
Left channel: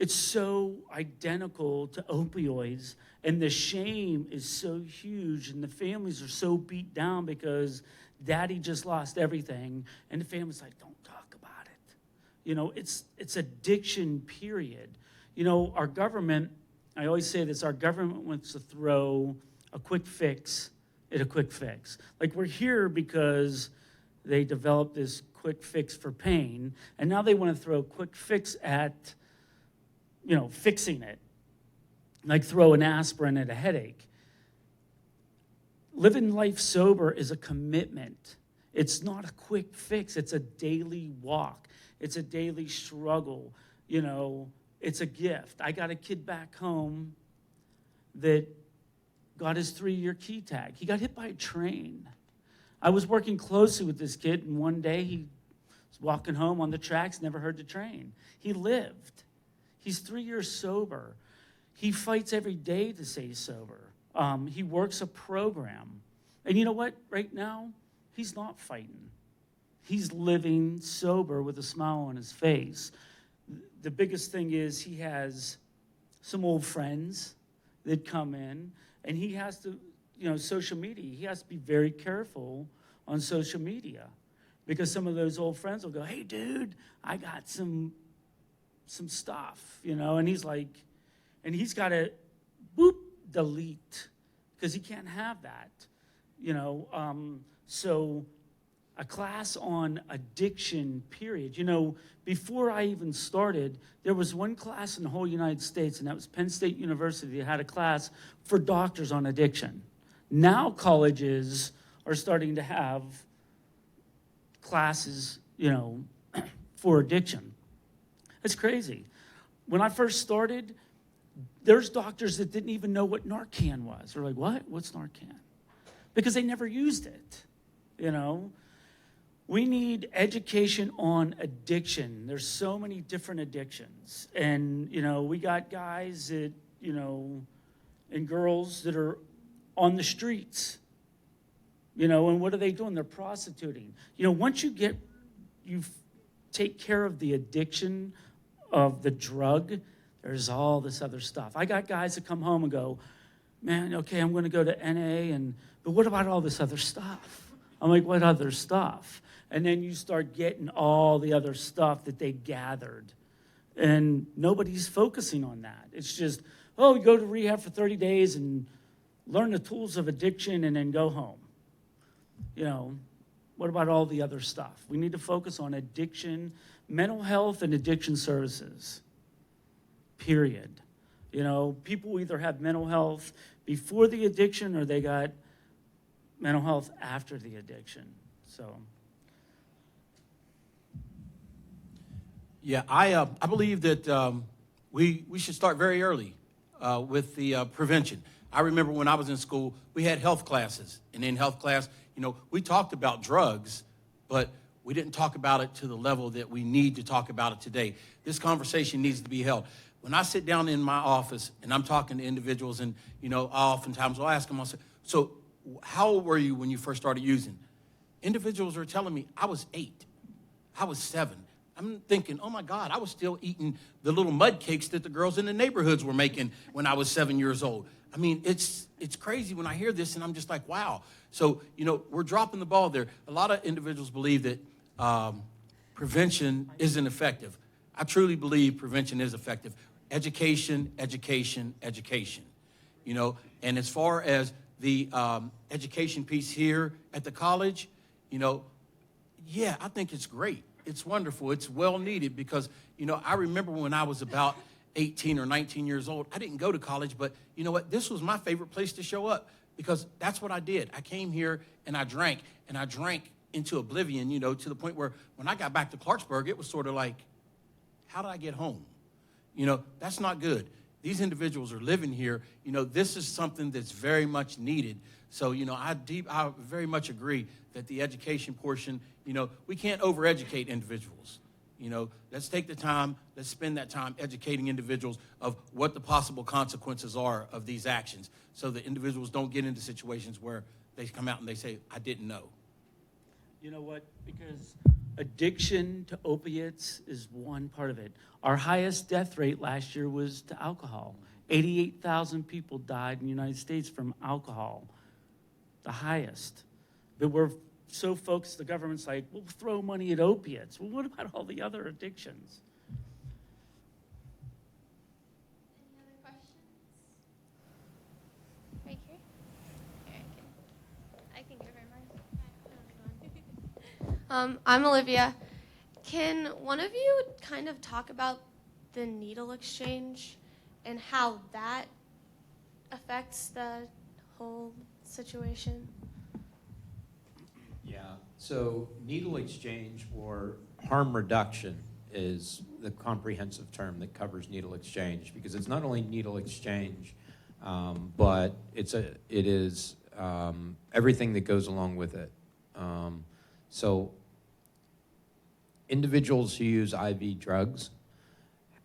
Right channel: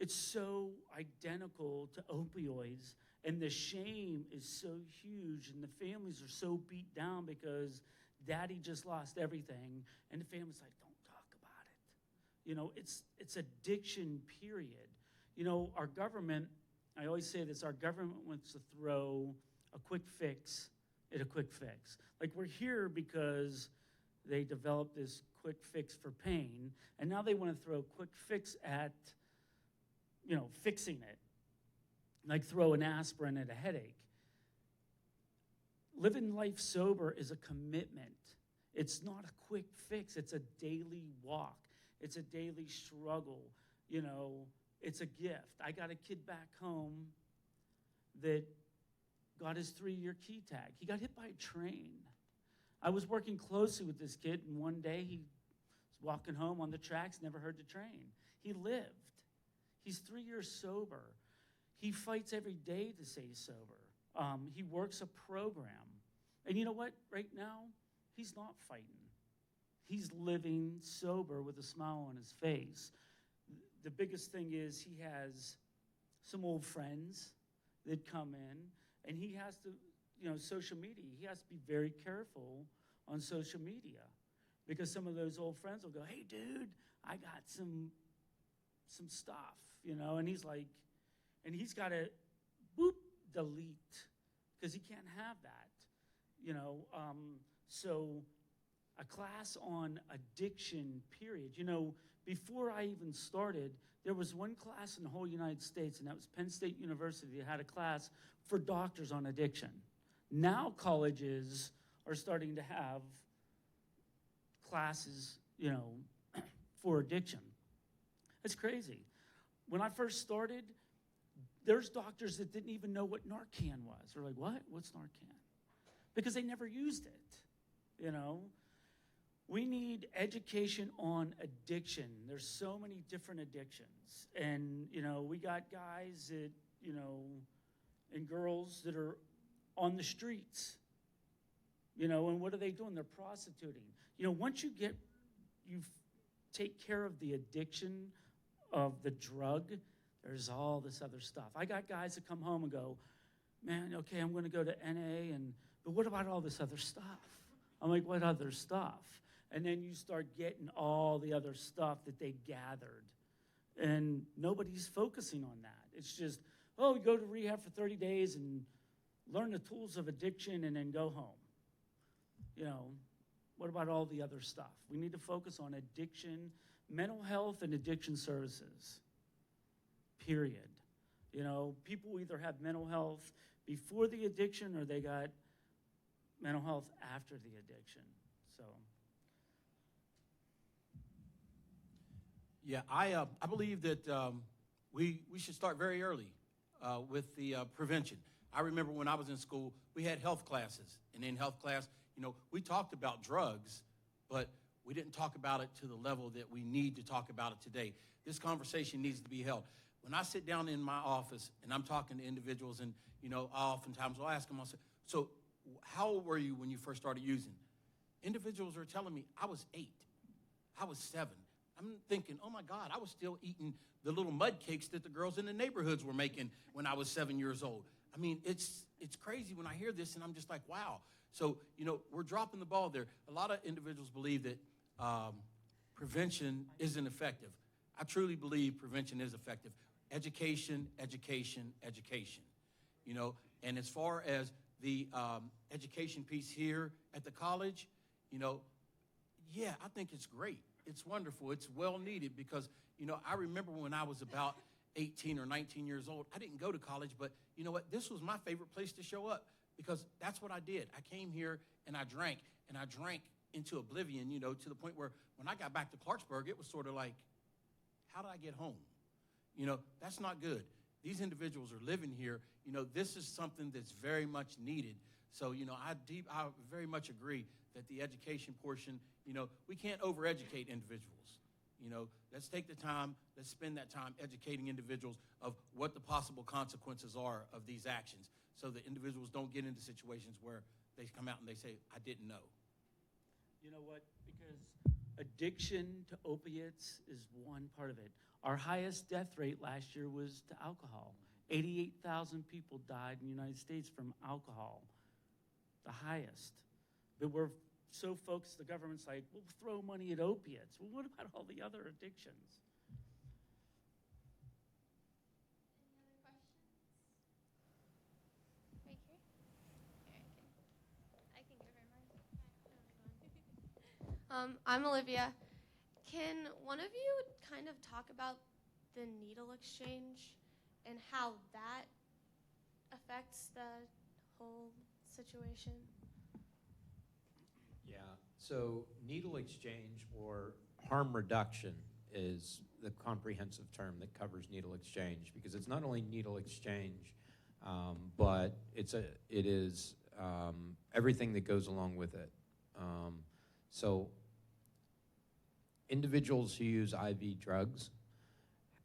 it's so identical to opioids, and the shame is so huge, and the families are so beat down because daddy just lost everything, and the family's like, don't talk about it. It's addiction, period. Our government, I always say this, our government wants to throw a quick fix at a quick fix. Like we're here because they developed this quick fix for pain, and now they want to throw a quick fix at, fixing it. Like throw an aspirin at a headache. Living life sober is a commitment. It's not a quick fix. It's a daily walk. It's a daily struggle. You know, it's a gift. I got a kid back home that got his 3-year key tag. He got hit by a train. I was working closely with this kid, and one day he was walking home on the tracks, never heard the train. He lived. He's 3 years sober. He fights every day to stay sober. He works a program. And you know what? Right now, he's not fighting. He's living sober with a smile on his face. The biggest thing is he has some old friends that come in, and he has to, social media, he has to be very careful on social media, because some of those old friends will go, hey, dude, I got some stuff, and he's like, and he's got to, delete, because he can't have that, so a class on addiction, period. Before I even started, there was one class in the whole United States, and that was Penn State University. They had a class for doctors on addiction. Now colleges are starting to have classes, for addiction. It's crazy. When I first started, there's doctors that didn't even know what Narcan was. They're like, what? What's Narcan? Because they never used it, We need education on addiction. There's so many different addictions. And, we got guys that, and girls that are on the streets, and what are they doing? They're prostituting. Once you take care of the addiction of the drug, there's all this other stuff. I got guys that come home and go, man, okay, I'm going to go to NA, but what about all this other stuff? I'm like, what other stuff? And then you start getting all the other stuff that they gathered. And nobody's focusing on that. It's just, you go to rehab for 30 days and learn the tools of addiction and then go home. What about all the other stuff? We need to focus on addiction, mental health, and addiction services, period. People either have mental health before the addiction or they got mental health after the addiction. So. Yeah, I believe that we should start very early with the prevention. I remember when I was in school, we had health classes. And in health class, we talked about drugs, but we didn't talk about it to the level that we need to talk about it today. This conversation needs to be held. When I sit down in my office and I'm talking to individuals, and, oftentimes I'll ask them, I'll say, so how old were you when you first started using? Individuals are telling me, I was 8, I was 7. I'm thinking, oh my God, I was still eating the little mud cakes that the girls in the neighborhoods were making when I was 7 years old. I mean, it's crazy when I hear this, and I'm just like, wow. So, we're dropping the ball there. A lot of individuals believe that prevention isn't effective. I truly believe prevention is effective. Education, education, education. And as far as the education piece here at the college, yeah, I think it's great. It's wonderful. It's well needed because, I remember when I was about 18 or 19 years old, I didn't go to college, but you know what? This was my favorite place to show up because that's what I did. I came here and I drank into oblivion, to the point where when I got back to Clarksburg, it was sort of like, how did I get home? That's not good. These individuals are living here. This is something that's very much needed. So, I very much agree that the education portion, we can't overeducate individuals. Let's take the time, let's spend that time educating individuals of what the possible consequences are of these actions so that individuals don't get into situations where they come out and they say, I didn't know. You know what? Because addiction to opiates is one part of it. Our highest death rate last year was to alcohol. 88,000 people died in the United States from alcohol. The highest. But we're so focused, the government's like, we'll throw money at opiates. Well, what about all the other addictions? Any other questions? Right here? Here, I can give her mine. I'm Olivia. Can one of you kind of talk about the needle exchange and how that affects the whole situation? Yeah, So needle exchange or harm reduction is the comprehensive term that covers needle exchange, because it's not only needle exchange, but it is everything that goes along with it. So individuals who use IV drugs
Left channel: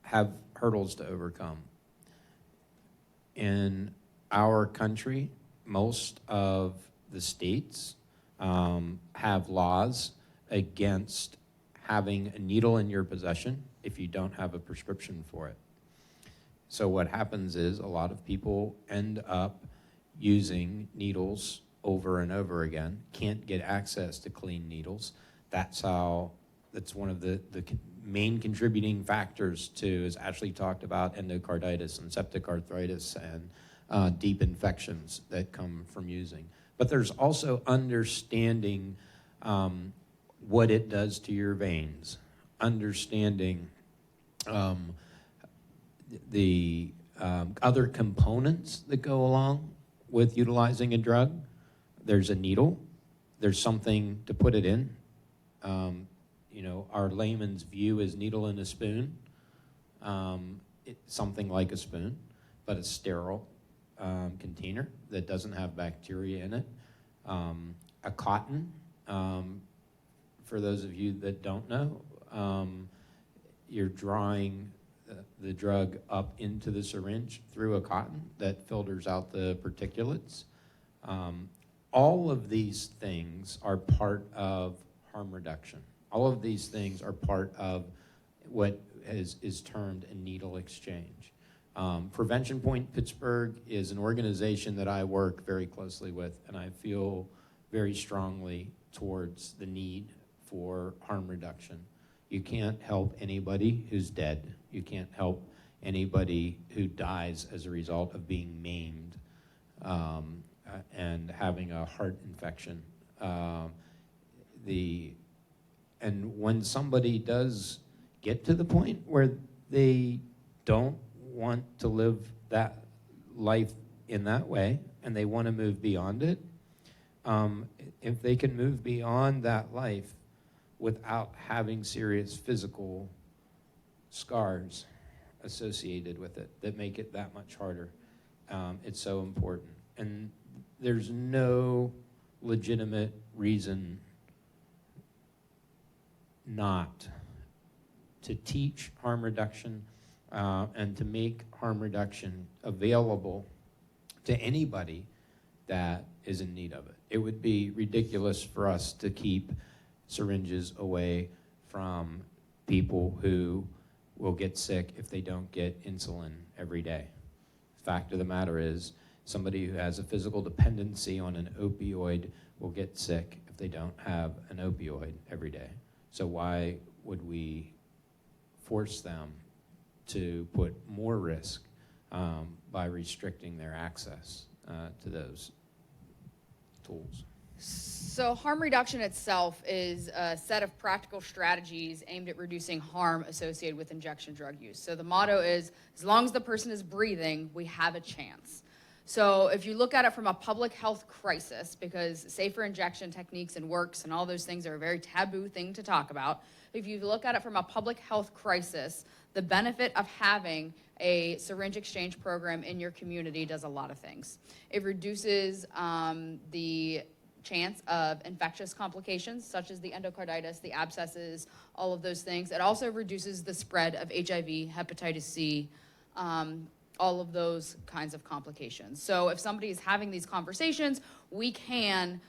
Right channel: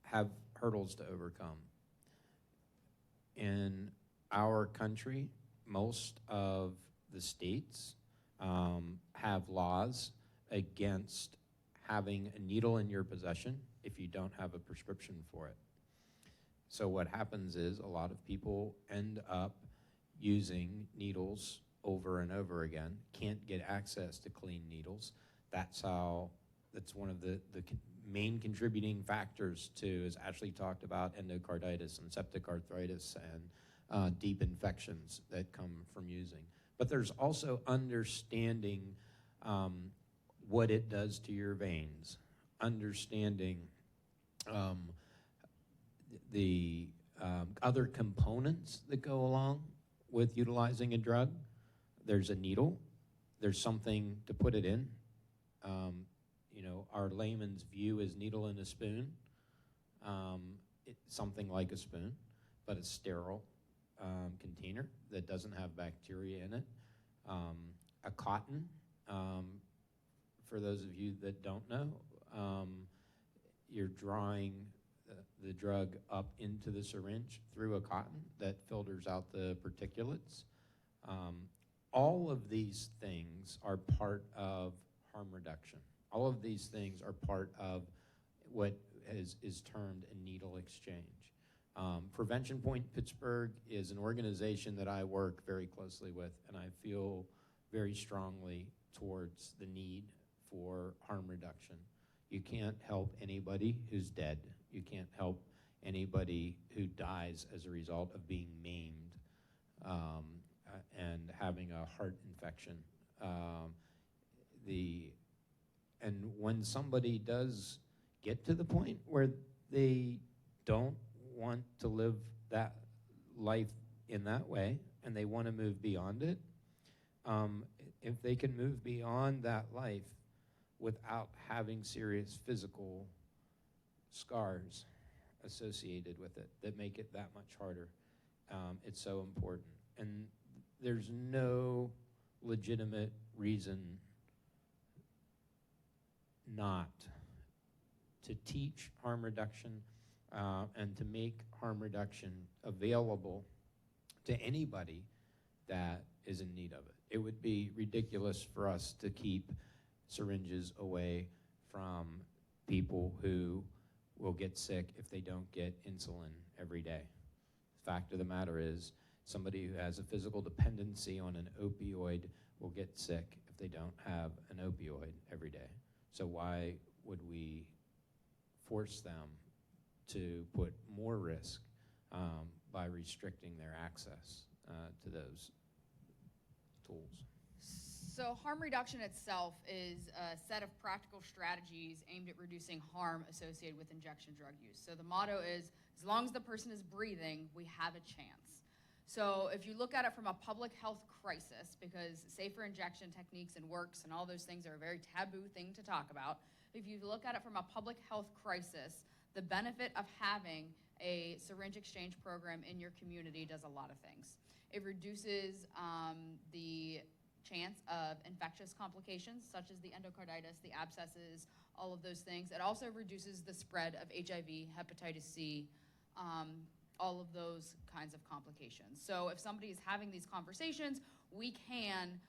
have hurdles to overcome. In our country, most of the states have laws against having a needle in your possession if you don't have a prescription for it. So what happens is a lot of people end up using needles over and over again, can't get access to clean needles. That's one of the main contributing factors to, as Ashley talked about, endocarditis and septic arthritis and deep infections that come from using. But there's also understanding what it does to your veins, understanding the other components that go along with utilizing a drug. There's a needle, there's something to put it in. Our layman's view is needle in a spoon. It's something like a spoon, but a sterile container that doesn't have bacteria in it. A cotton, for those of you that don't know, you're drawing the drug up into the syringe through a cotton that filters out the particulates. All of these things are part of harm reduction. All of these things are part of what is termed a needle exchange. Prevention Point Pittsburgh is an organization that I work very closely with, and I feel very strongly towards the need for harm reduction. You can't help anybody who's dead. You can't help anybody who dies as a result of being maimed and having a heart infection. And when somebody does get to the point where they don't want to live that life in that way and they want to move beyond it, if they can move beyond that life without having serious physical scars associated with it that make it that much harder, it's so important. And there's no legitimate reason not to teach harm reduction and to make harm reduction available to anybody that is in need of it. It would be ridiculous for us to keep syringes away from people who will get sick if they don't get insulin every day. Fact of the matter is, somebody who has a physical dependency on an opioid will get sick if they don't have an opioid every day. So why would we force them to put more risk by restricting their access to those tools? So harm reduction itself is a set of practical strategies aimed at reducing harm associated with injection drug use. So the motto is, as long as the person is breathing, we have a chance. So if you look at it from a public health crisis, because safer injection techniques and works and all those things are a very taboo thing to talk about, if you look at it from a public health crisis, the benefit of having a syringe exchange program in your community does a lot of things. It reduces the chance of infectious complications such as the endocarditis, the abscesses, all of those things. It also reduces the spread of HIV, hepatitis C, all of those kinds of complications. So if somebody is having these conversations, we can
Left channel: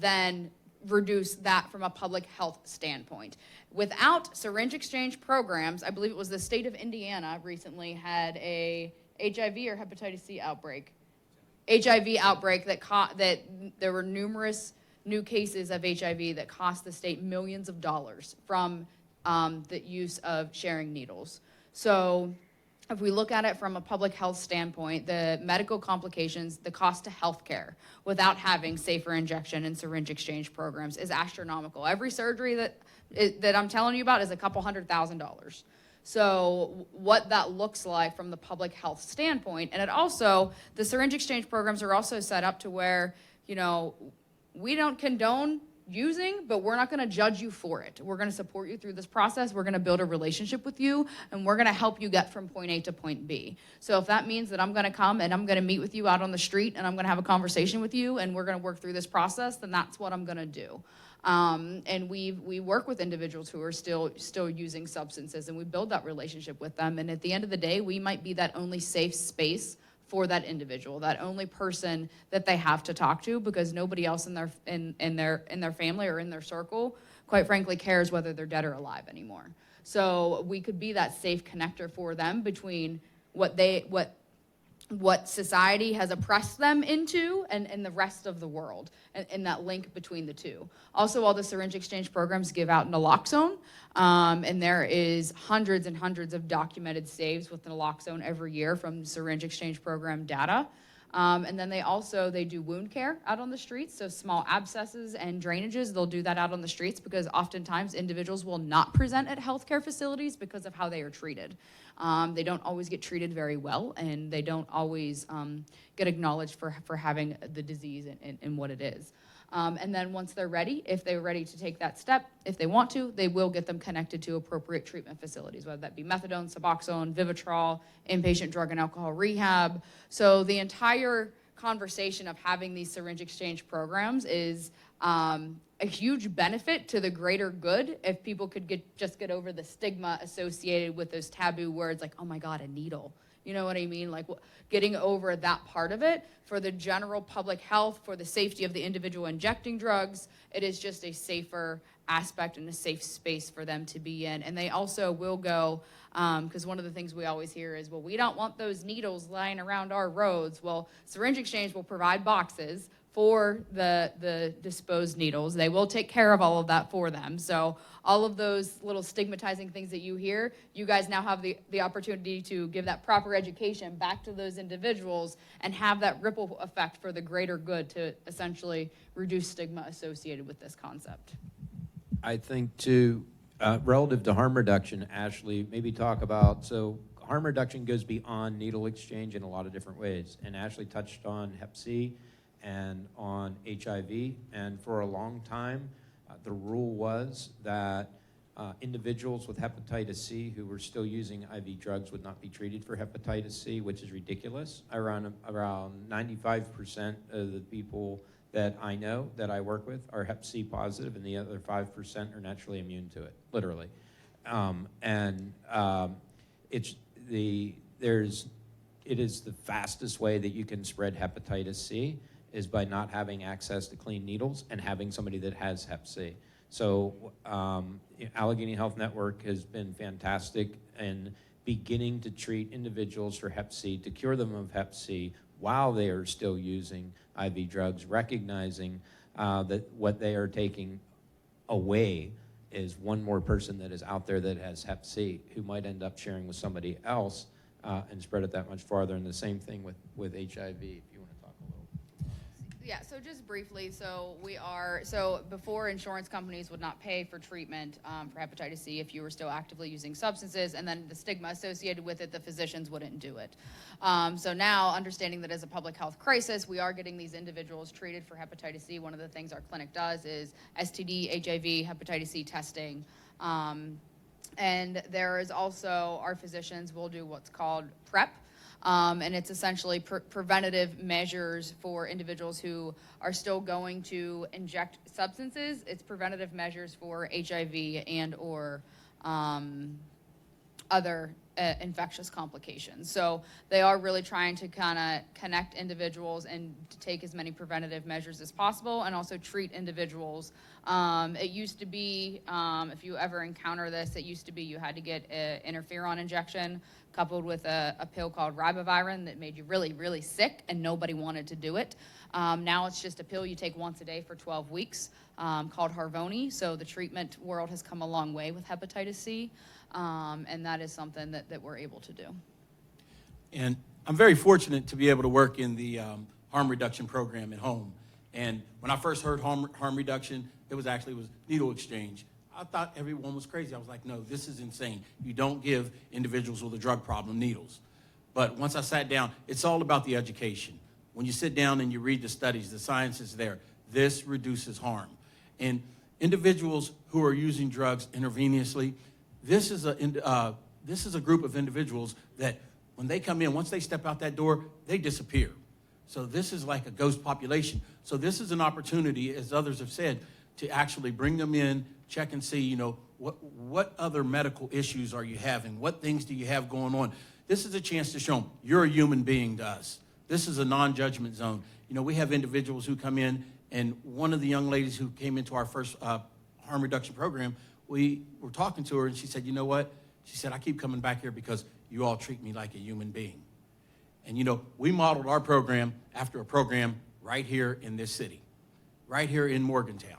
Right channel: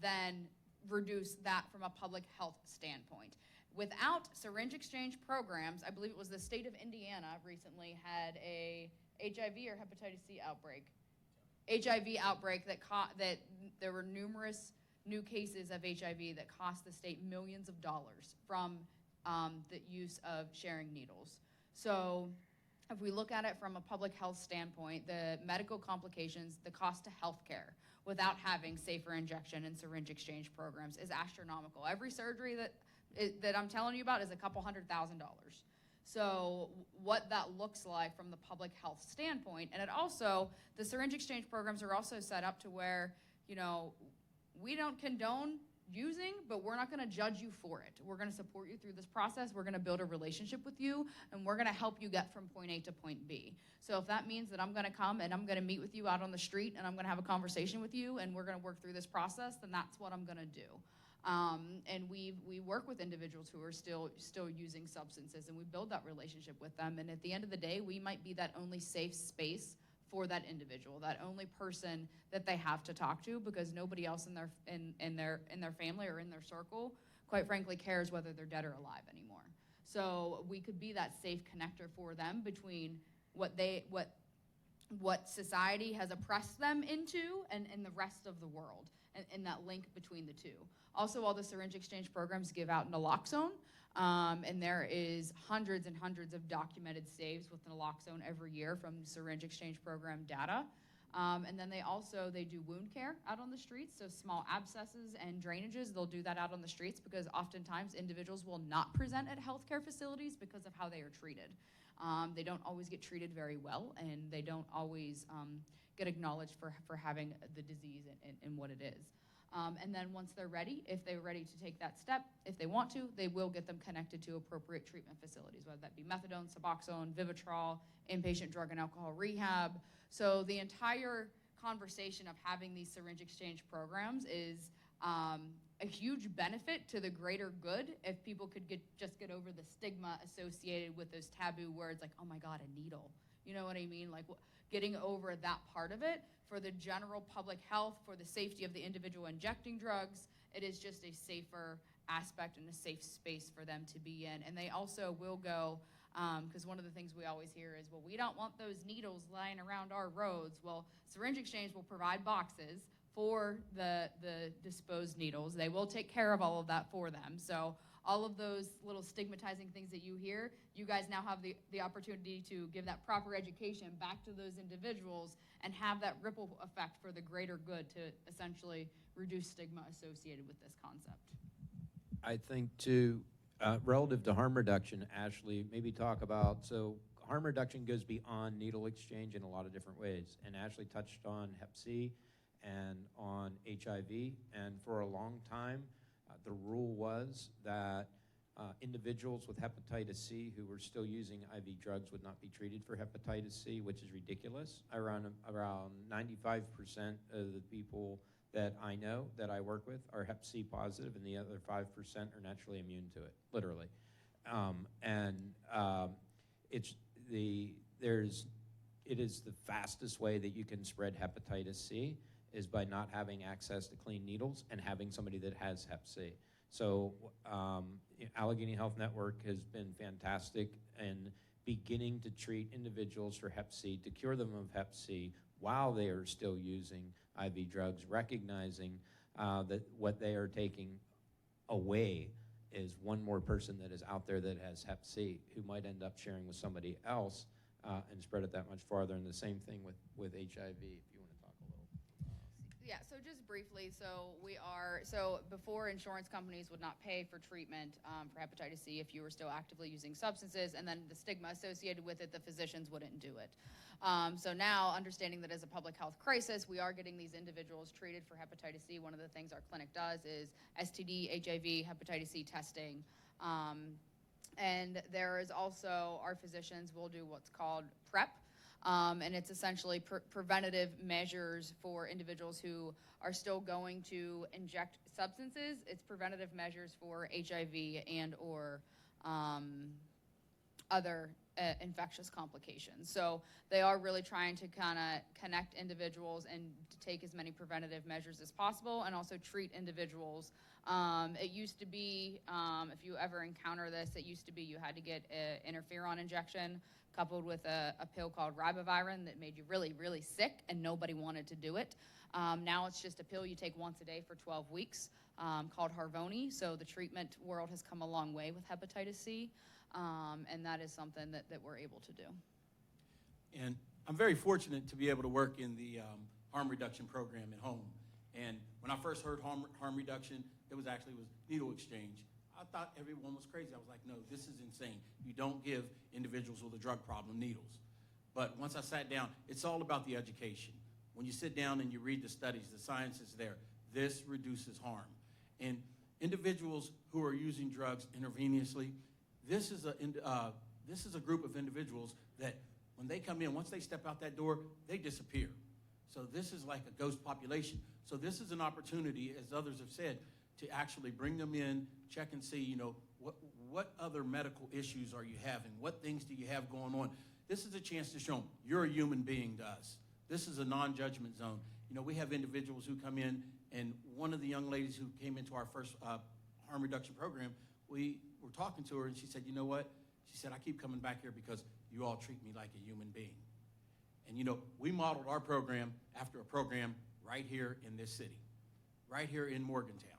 then reduce that from a public health standpoint. Without syringe exchange programs, I believe it was the state of Indiana recently had a HIV or hepatitis C outbreak. HIV outbreak that there were numerous new cases of HIV that cost the state millions of dollars from the use of sharing needles. So if we look at it from a public health standpoint, the medical complications, the cost to healthcare without having safer injection and syringe exchange programs is astronomical. Every surgery that I'm telling you about is a couple $100,000. So what that looks like from the public health standpoint, and it also, the syringe exchange programs are also set up to where, we don't condone using, but we're not going to judge you for it. We're going to support you through this process. We're going to build a relationship with you, and we're going to help you get from point A to point B. So if that means that I'm going to come and I'm going to meet with you out on the street and I'm going to have a conversation with you and we're going to work through this process, then that's what I'm going to do. And we work with individuals who are still using substances, and we build that relationship with them. And at the end of the day, we might be that only safe space for that individual, that only person that they have to talk to, because nobody else in their family or in their circle, quite frankly, cares whether they're dead or alive anymore. So we could be that safe connector for them between what society has oppressed them into and the rest of the world, and that link between the two. Also, all the syringe exchange programs give out naloxone, and there is hundreds and hundreds of documented saves with naloxone every year from syringe exchange program data. And then they do wound care out on the streets, so small abscesses and drainages, they'll do that out on the streets because oftentimes individuals will not present at healthcare facilities because of how they are treated. They don't always get treated very well, and they don't always get acknowledged for having the disease and what it is. And then once they're ready, if they're ready to take that step, if they want to, they will get them connected to appropriate treatment facilities, whether that be methadone, Suboxone, Vivitrol, inpatient drug and alcohol rehab. So the entire conversation of having these syringe exchange programs is a huge benefit to the greater good if people could just get over the stigma associated with those taboo words like, oh my God, a needle. You know what I mean? Like getting over that part of it for the general public health, for the safety of the individual injecting drugs. It is just a safer aspect and a safe space for them to be in. And they also will go, because one of the things we always hear is, well, we don't want those needles lying around our roads. Well, Syringe Exchange will provide boxes for the disposed needles. They will take care of all of that for them. So all of those little stigmatizing things that you hear, you guys now have the opportunity to give that proper education back to those individuals and have that ripple effect for the greater good to essentially reduce stigma associated with this concept. I think relative to harm reduction, Ashley, maybe talk about, so harm reduction goes beyond needle exchange in a lot of different ways. And Ashley touched on Hep C and on HIV, and for a long time, the rule was that individuals with hepatitis C who were still using IV drugs would not be treated for hepatitis C, which is ridiculous. Around 95% of the people that I know, that I work with, are Hep C positive, and the other 5% are naturally immune to it, literally. It is the fastest way that you can spread hepatitis C is by not having access to clean needles and having somebody that has Hep C. So Allegheny Health Network has been fantastic in beginning to treat individuals for Hep C, to cure them of Hep C while they are still using IV drugs, recognizing that what they are taking away is one more person that is out there that has Hep C who might end up sharing with somebody else and spread it that much farther. And the same thing with HIV, if you want to talk a little. Yeah, so just briefly, so before insurance companies would not pay for treatment for hepatitis C if you were still actively using substances, and then the stigma associated with it, the physicians wouldn't do it. So now, understanding that as a public health crisis, we are getting these individuals treated for hepatitis C. One of the things our clinic does is STD, HIV, hepatitis C testing. And there is also, our physicians will do what's called PrEP, and it's essentially preventative measures for individuals who are still going to inject substances. It's preventative measures for HIV and or other infectious complications. So they are really trying to kind of connect individuals and to take as many preventative measures as possible, and also treat individuals. It used to be, if you ever encounter this, it used to be you had to get an interferon injection coupled with a pill called ribavirin that made you really, really sick, and nobody wanted to do it. Now it's just a pill you take once a day for 12 weeks called Harvoni. So the treatment world has come a long way with hepatitis C, and that is something that we're able to do. And I'm very fortunate to be able to work in the harm reduction program at home. And when I first heard harm reduction, it was needle exchange. I thought everyone was crazy. I was like, no, this is insane. You don't give individuals with a drug problem needles. But once I sat down, it's all about the education. When you sit down and you read the studies, the science is there. This reduces harm. And individuals who are using drugs intravenously, this is a group of individuals that when they come in, once they step out that door, they disappear. So this is like a ghost population. So this is an opportunity, as others have said, to actually bring them in, check and see, what other medical issues are you having? What things do you have going on? This is a chance to show them you're a human being to us. This is a non-judgment zone. We have individuals who come in, and one of the young ladies who came into our first harm reduction program, we were talking to her, and she said, you know what? She said, I keep coming back here because you all treat me like a human being. And, we modeled our program after a program right here in this city, right here in Morgantown.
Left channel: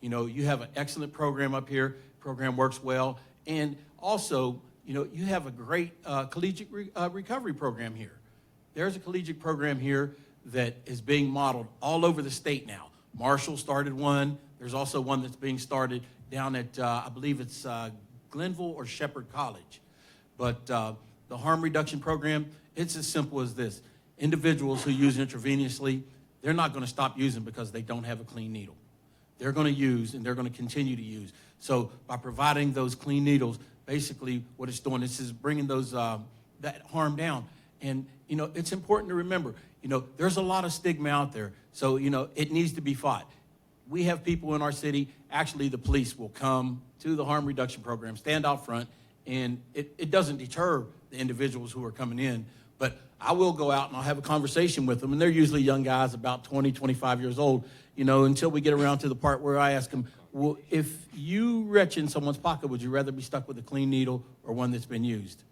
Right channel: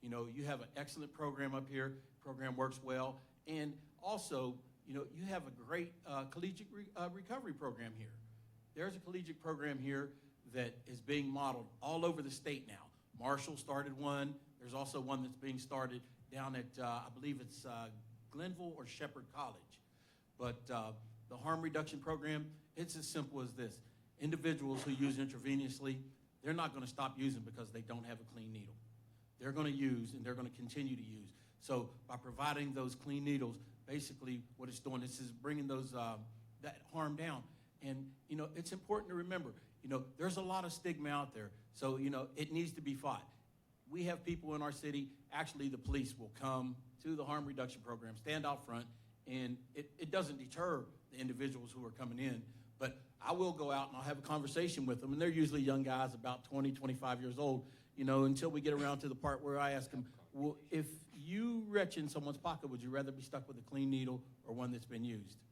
You have an excellent program up here. Program works well. And also, you have a great collegiate recovery program here. There's a collegiate program here that is being modeled all over the state now. Marshall started one. There's also one that's being started down at, I believe it's Glenville or Shepherd College. But the harm reduction program, it's as simple as this. Individuals who use intravenously, they're not going to stop using because they don't have a clean needle. They're going to use, and they're going to continue to use. So by providing those clean needles, basically what it's doing is bringing those that harm down. And, it's important to remember, there's a lot of stigma out there. So, it needs to be fought. We have people in our city, actually the police will come to the harm reduction program, stand out front, and it doesn't deter the individuals who are coming in. But I will go out and I'll have a conversation with them, and they're usually young guys, about 20, 25 years old, until we get around to the part where I ask them, well, if you retch in someone's pocket, would you rather be stuck with a clean needle or one that's been used?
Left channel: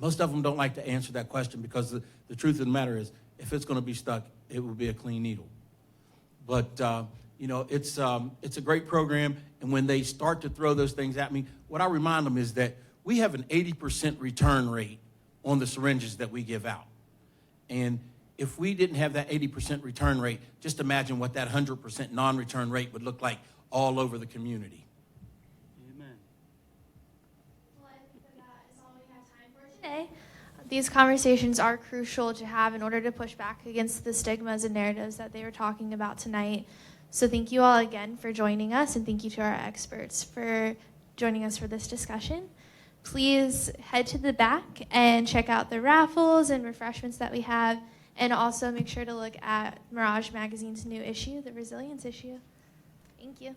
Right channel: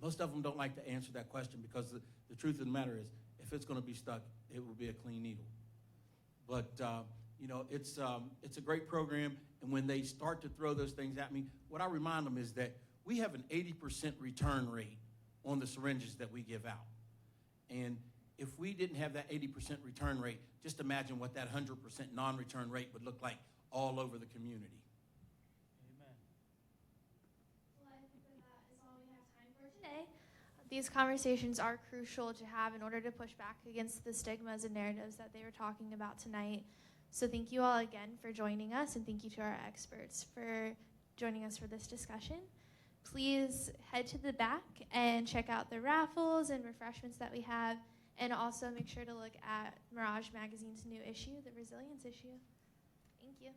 Most of them don't like to answer that question because the truth of the matter is, if it's going to be stuck, it will be a clean needle. But, it's a great program, and when they start to throw those things at me, what I remind them is that we have an 80% return rate on the syringes that we give out. And if we didn't have that 80% return rate, just imagine what that 100% non-return rate would look like all over the community. Amen. Well, I think that is all we have time for today. These conversations are crucial to have in order to push back against the stigmas and narratives that they were talking about tonight. So thank you all again for joining us, and thank you to our experts for joining us for this discussion. Please head to the back and check out the raffles and refreshments that we have, and also make sure to look at Mirage Magazine's new issue, the Resilience issue. Thank you.